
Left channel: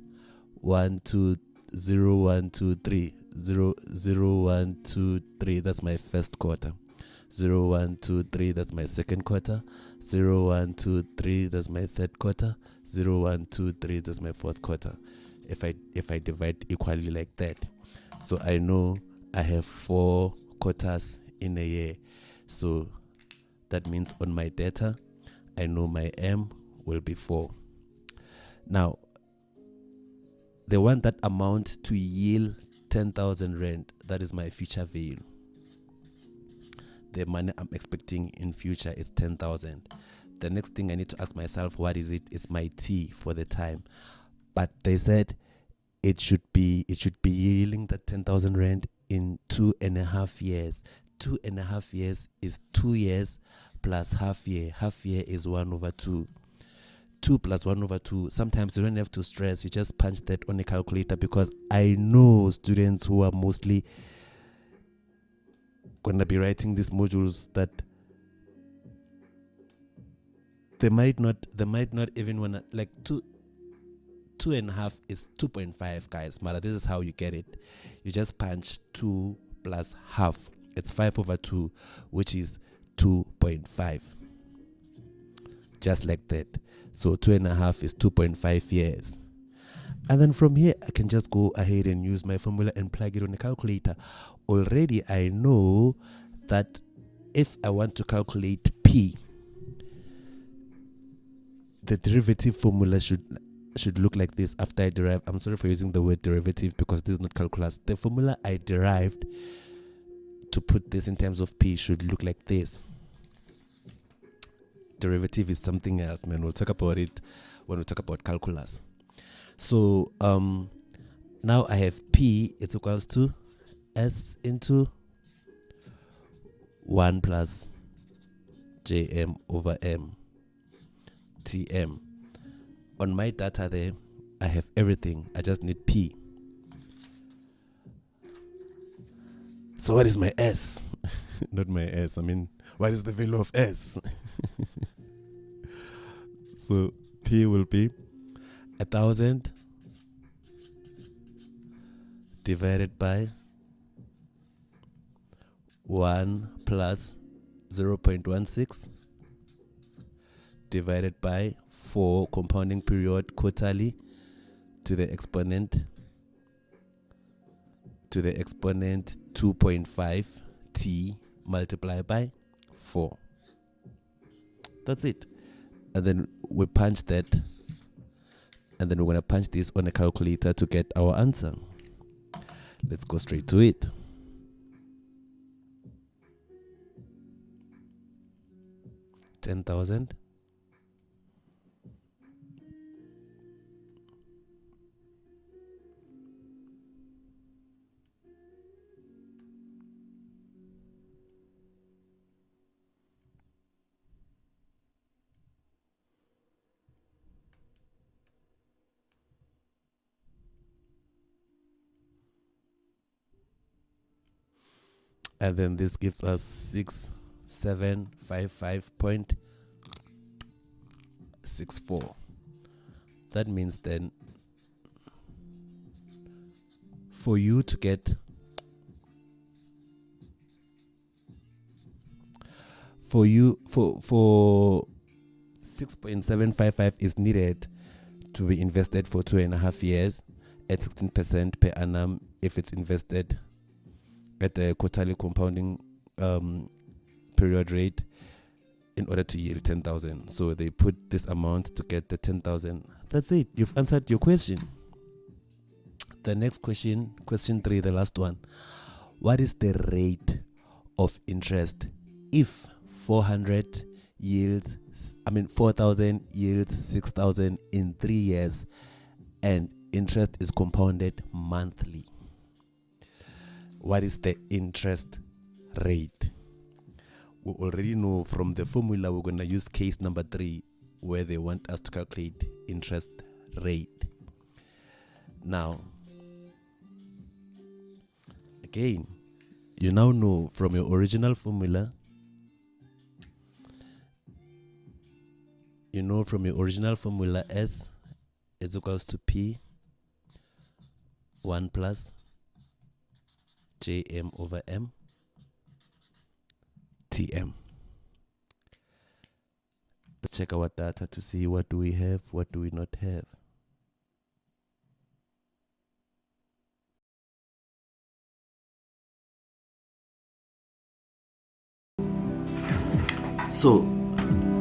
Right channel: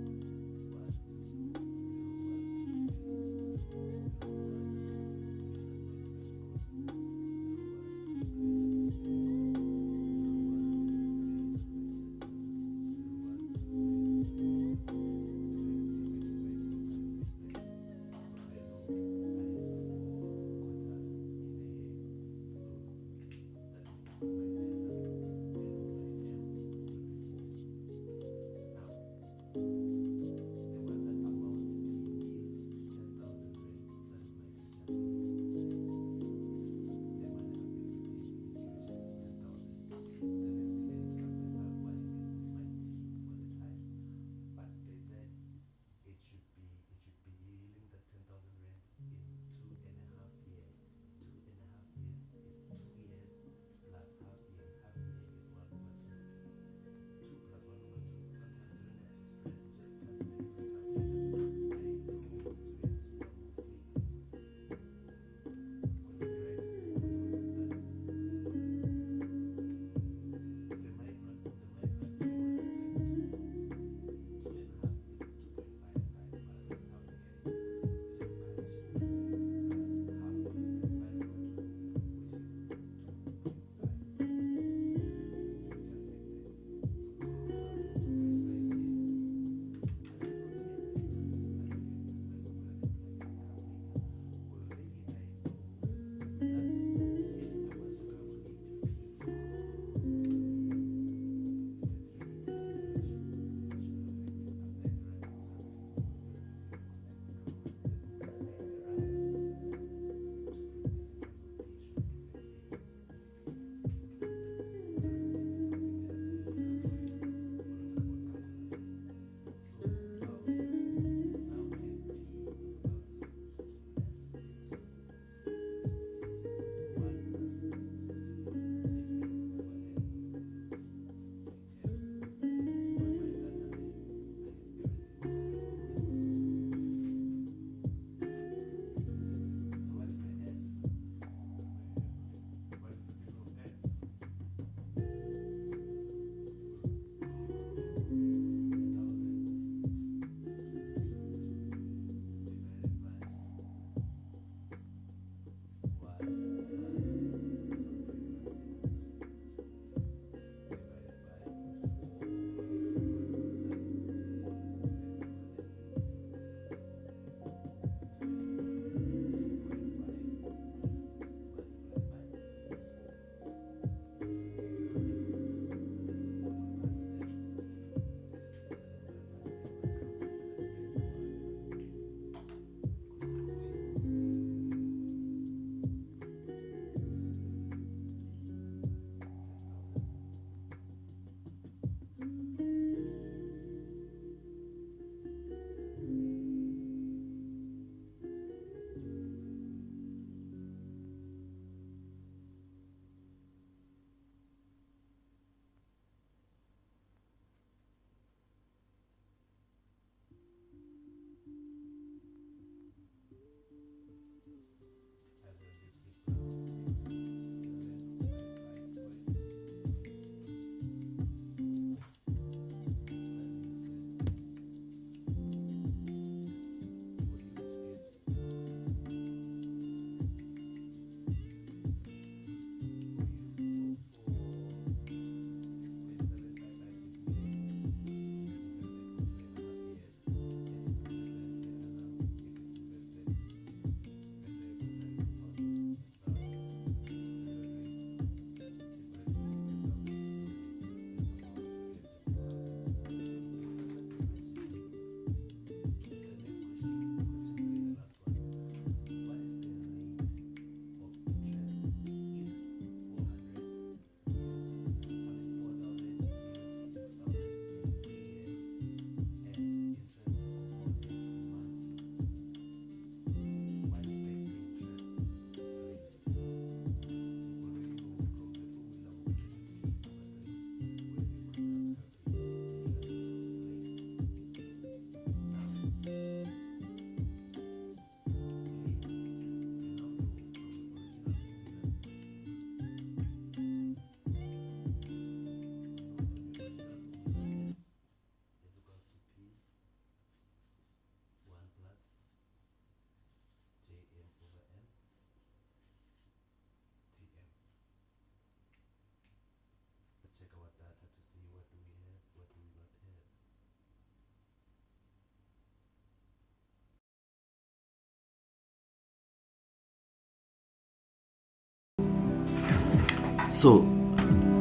1, 2, 0, 1, 2, 3. 0, 0, 1, 2, 3. That's my first quarter. 0, 1, 2, 3. That's my second quarter. 0, 1, 2, 3. That's my third quarter. 0, 1, 2, 3. That's my fourth quarter. If I divide equally like that, so I know I have 4 quarters in a year. So that means on my data, I know my M will be 4. Now, the one that amount to yield 10,000 rand, that is my future value. The money I'm expecting in future is 10,000. The next thing I need to ask myself, what is it? It's my T for the time. But they said it should be yielding that 10,000 rand in 2.5 years. 2.5 years is 2 years plus half year. Half year is 1/2. 2 plus 1/2. Sometimes you don't have to stress. You just punch that on a calculator, because I know students who are mostly going to be writing these modules that they might not even want to, like, 2.5 is 2.5, guys. But this is how you get it. You just punch 2 plus half. It's 5/2, which is 2.5. Just like that. So 2.5 is 2.5 years. And then from here, I can just go ahead and use my formula and plug it on the calculator. Already, I know that if I want to calculate P, the derivative formula should look like this after I derive. I'm sorry for using the word derivative, because this is not calculus. The formula I derived to put this in terms of P should look like this. Derivative is something else, man. We'll talk about it when we talk about calculus. So now I have P, it's equals to S into 1 plus JM over M TM. On my data there, I have everything. I just need P. So what is my S? Not my S. I mean, what is the value of S? So P will be 1,000 divided by 1 plus 0.16 divided by 4 compounding period quarterly to the exponent 2.5 T multiplied by 4. That's it. And then we punch that, and then we're going to punch this on a calculator to get our answer. Let's go straight to it. $10,000 and then this gives us 6755.64. That means then for you to get for 6.755 is needed to be invested for 2.5 years at 16% per annum if it's invested at the quarterly compounding period rate in order to yield 10,000. So they put this amount to get the 10,000. That's it. You've answered your question. The next question, question 3, the last one. what is the rate of interest if 4,000 yields 6,000 in 3 years and interest is compounded monthly? What is the interest rate? We already know from the formula we're going to use case number 3 where they want us to calculate interest rate. Now, again, you now know from your original formula, S is equals to P 1 plus JM over M TM. Let's check our data to see what do we have, what do we not have. So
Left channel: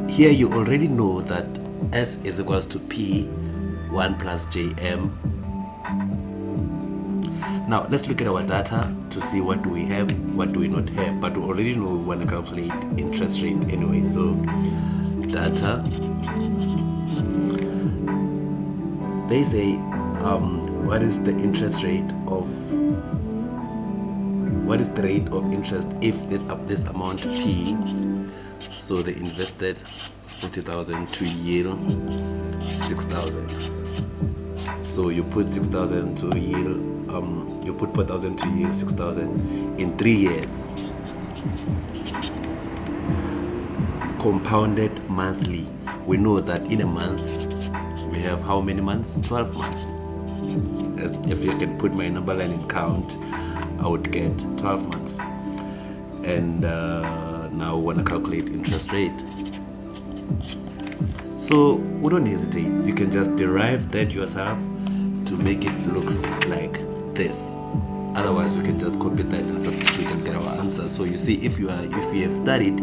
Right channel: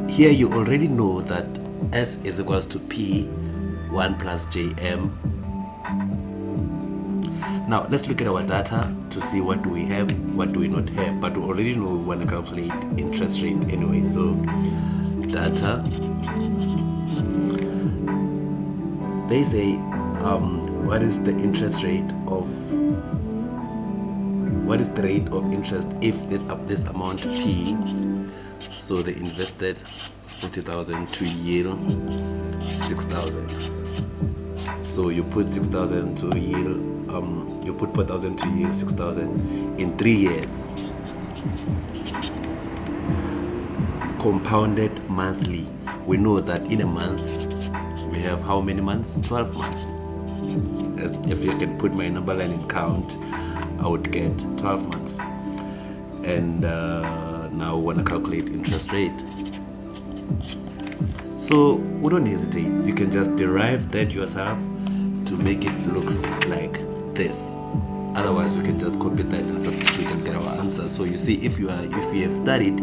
here you already know that S is equals to P 1 plus JM. Now let's look at our data to see what do we have, what do we not have. But we already know we want to calculate interest rate anyway. So data, they say what is the interest rate of, what is the rate of interest if this amount P, so they invested 40,000 to yield 6,000. So you put 6,000 to yield, you put 4,000 to yield 6,000 in 3 years. Compounded monthly. We know that in a month we have how many months? 12 months. As if you can put my number line in count, I would get 12 months. And now we want to calculate interest rate. So we don't hesitate. You can just derive that yourself to make it look like this. Otherwise, we can just copy that and substitute and get our answer. So you see, if you have studied,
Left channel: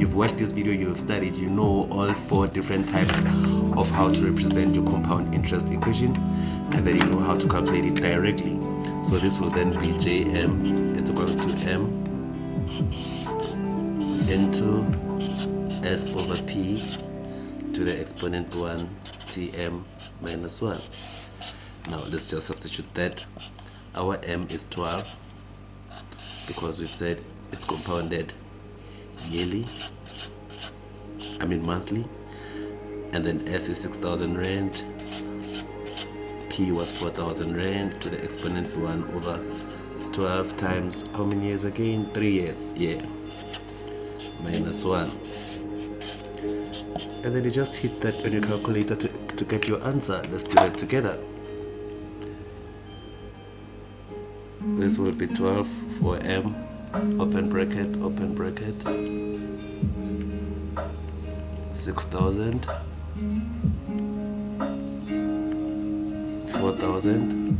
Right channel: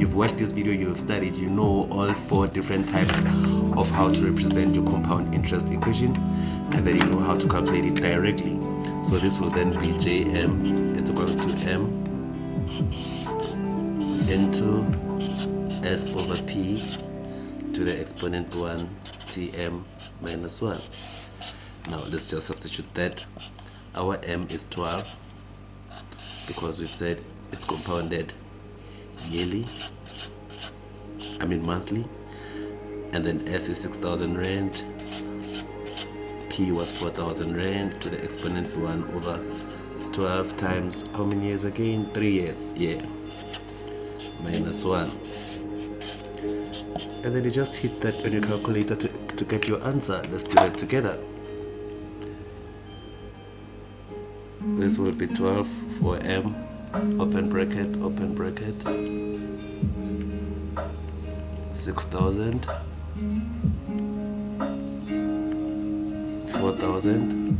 you've watched this video, you have studied, you know all 4 different types of how to represent your compound interest equation, and then you know how to calculate it directly. So this will then be JM, it's equals to M into S over P to the exponent 1 TM minus 1. Now let's just substitute that. Our M is 12 because we've said it's compounded monthly, and then S is 6,000 rand, P was 4,000 rand to the exponent 1 over 12 times how many years again? 3 years, yeah, minus 1. And then you just hit that on your calculator to get your answer. Let's do that together. This will be 12 for M, open bracket, 6,000, 4,000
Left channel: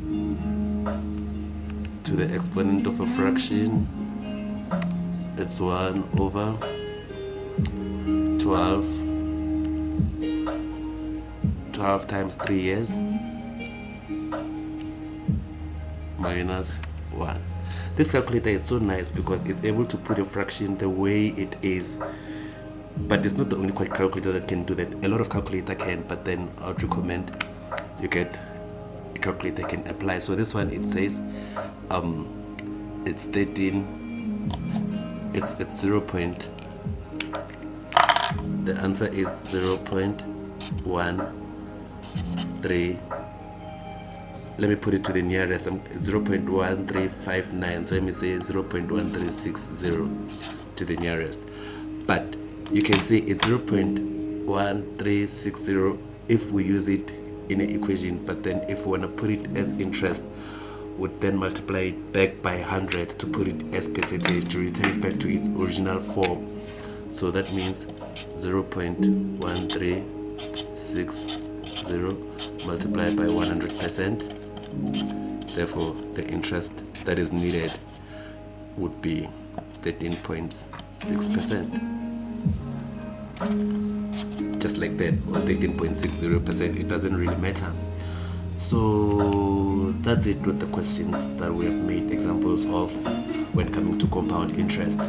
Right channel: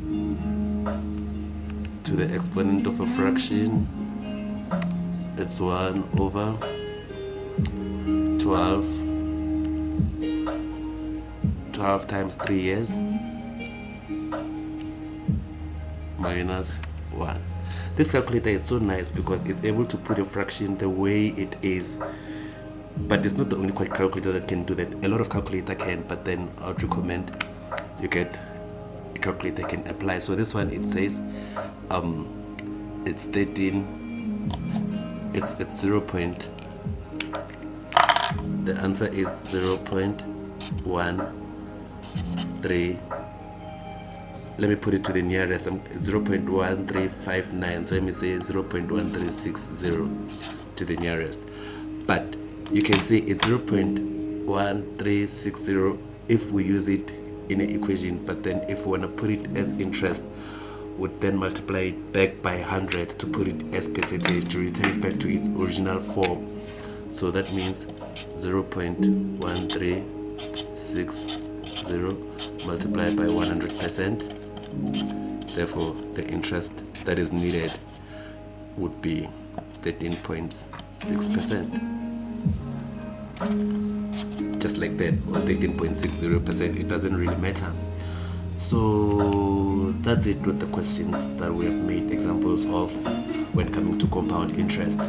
to the exponent of a fraction. It's 1 over 12 times 3 years minus 1. This calculator is so nice because it's able to put a fraction the way it is, but it's not the only calculator that can do that. A lot of calculator can, but then I would recommend you get a calculator can apply. So this one, it says it's 13, it's 0. The answer is 0.13. Let me put it to the nearest. 0.1359. So let me say 0.1360 to the nearest. But you can say it's 0.1360 if we use it in an equation. But then if we want to put it as interest, would then multiply it back by 100 to put it as percentage to return it back to its original form. So that means 0.1360 multiplied by 100%. Therefore, the interest that is needed would be 13.6%. Just like that, or 13.60%. It doesn't really matter. So that's it with the questions that we have made examples of when coming to compound interest.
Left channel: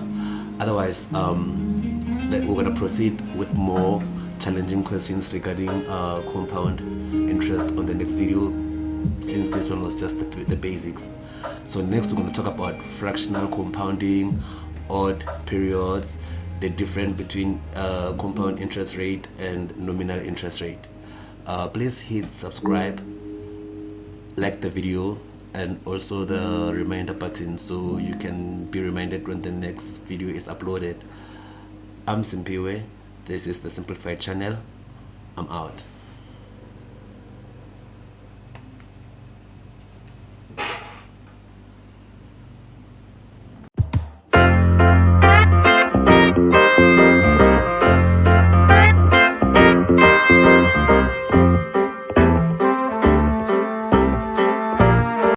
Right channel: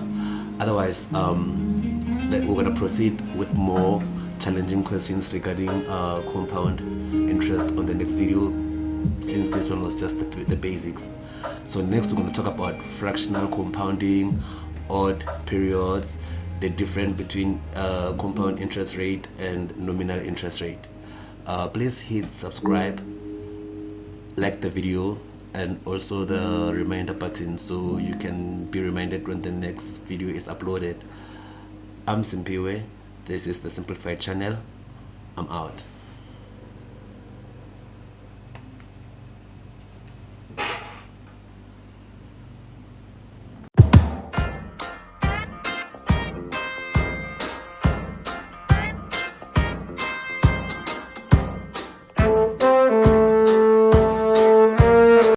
Otherwise, we're going to proceed with more challenging questions regarding compound interest on the next video, since this one was just the basics. So next we're going to talk about fractional compounding, odd periods, the difference between compound interest rate and nominal interest rate. Please hit subscribe, like the video, and also the reminder button so you can be reminded when the next video is uploaded. I'm Simpiwe. This is the Simplified channel. I'm out.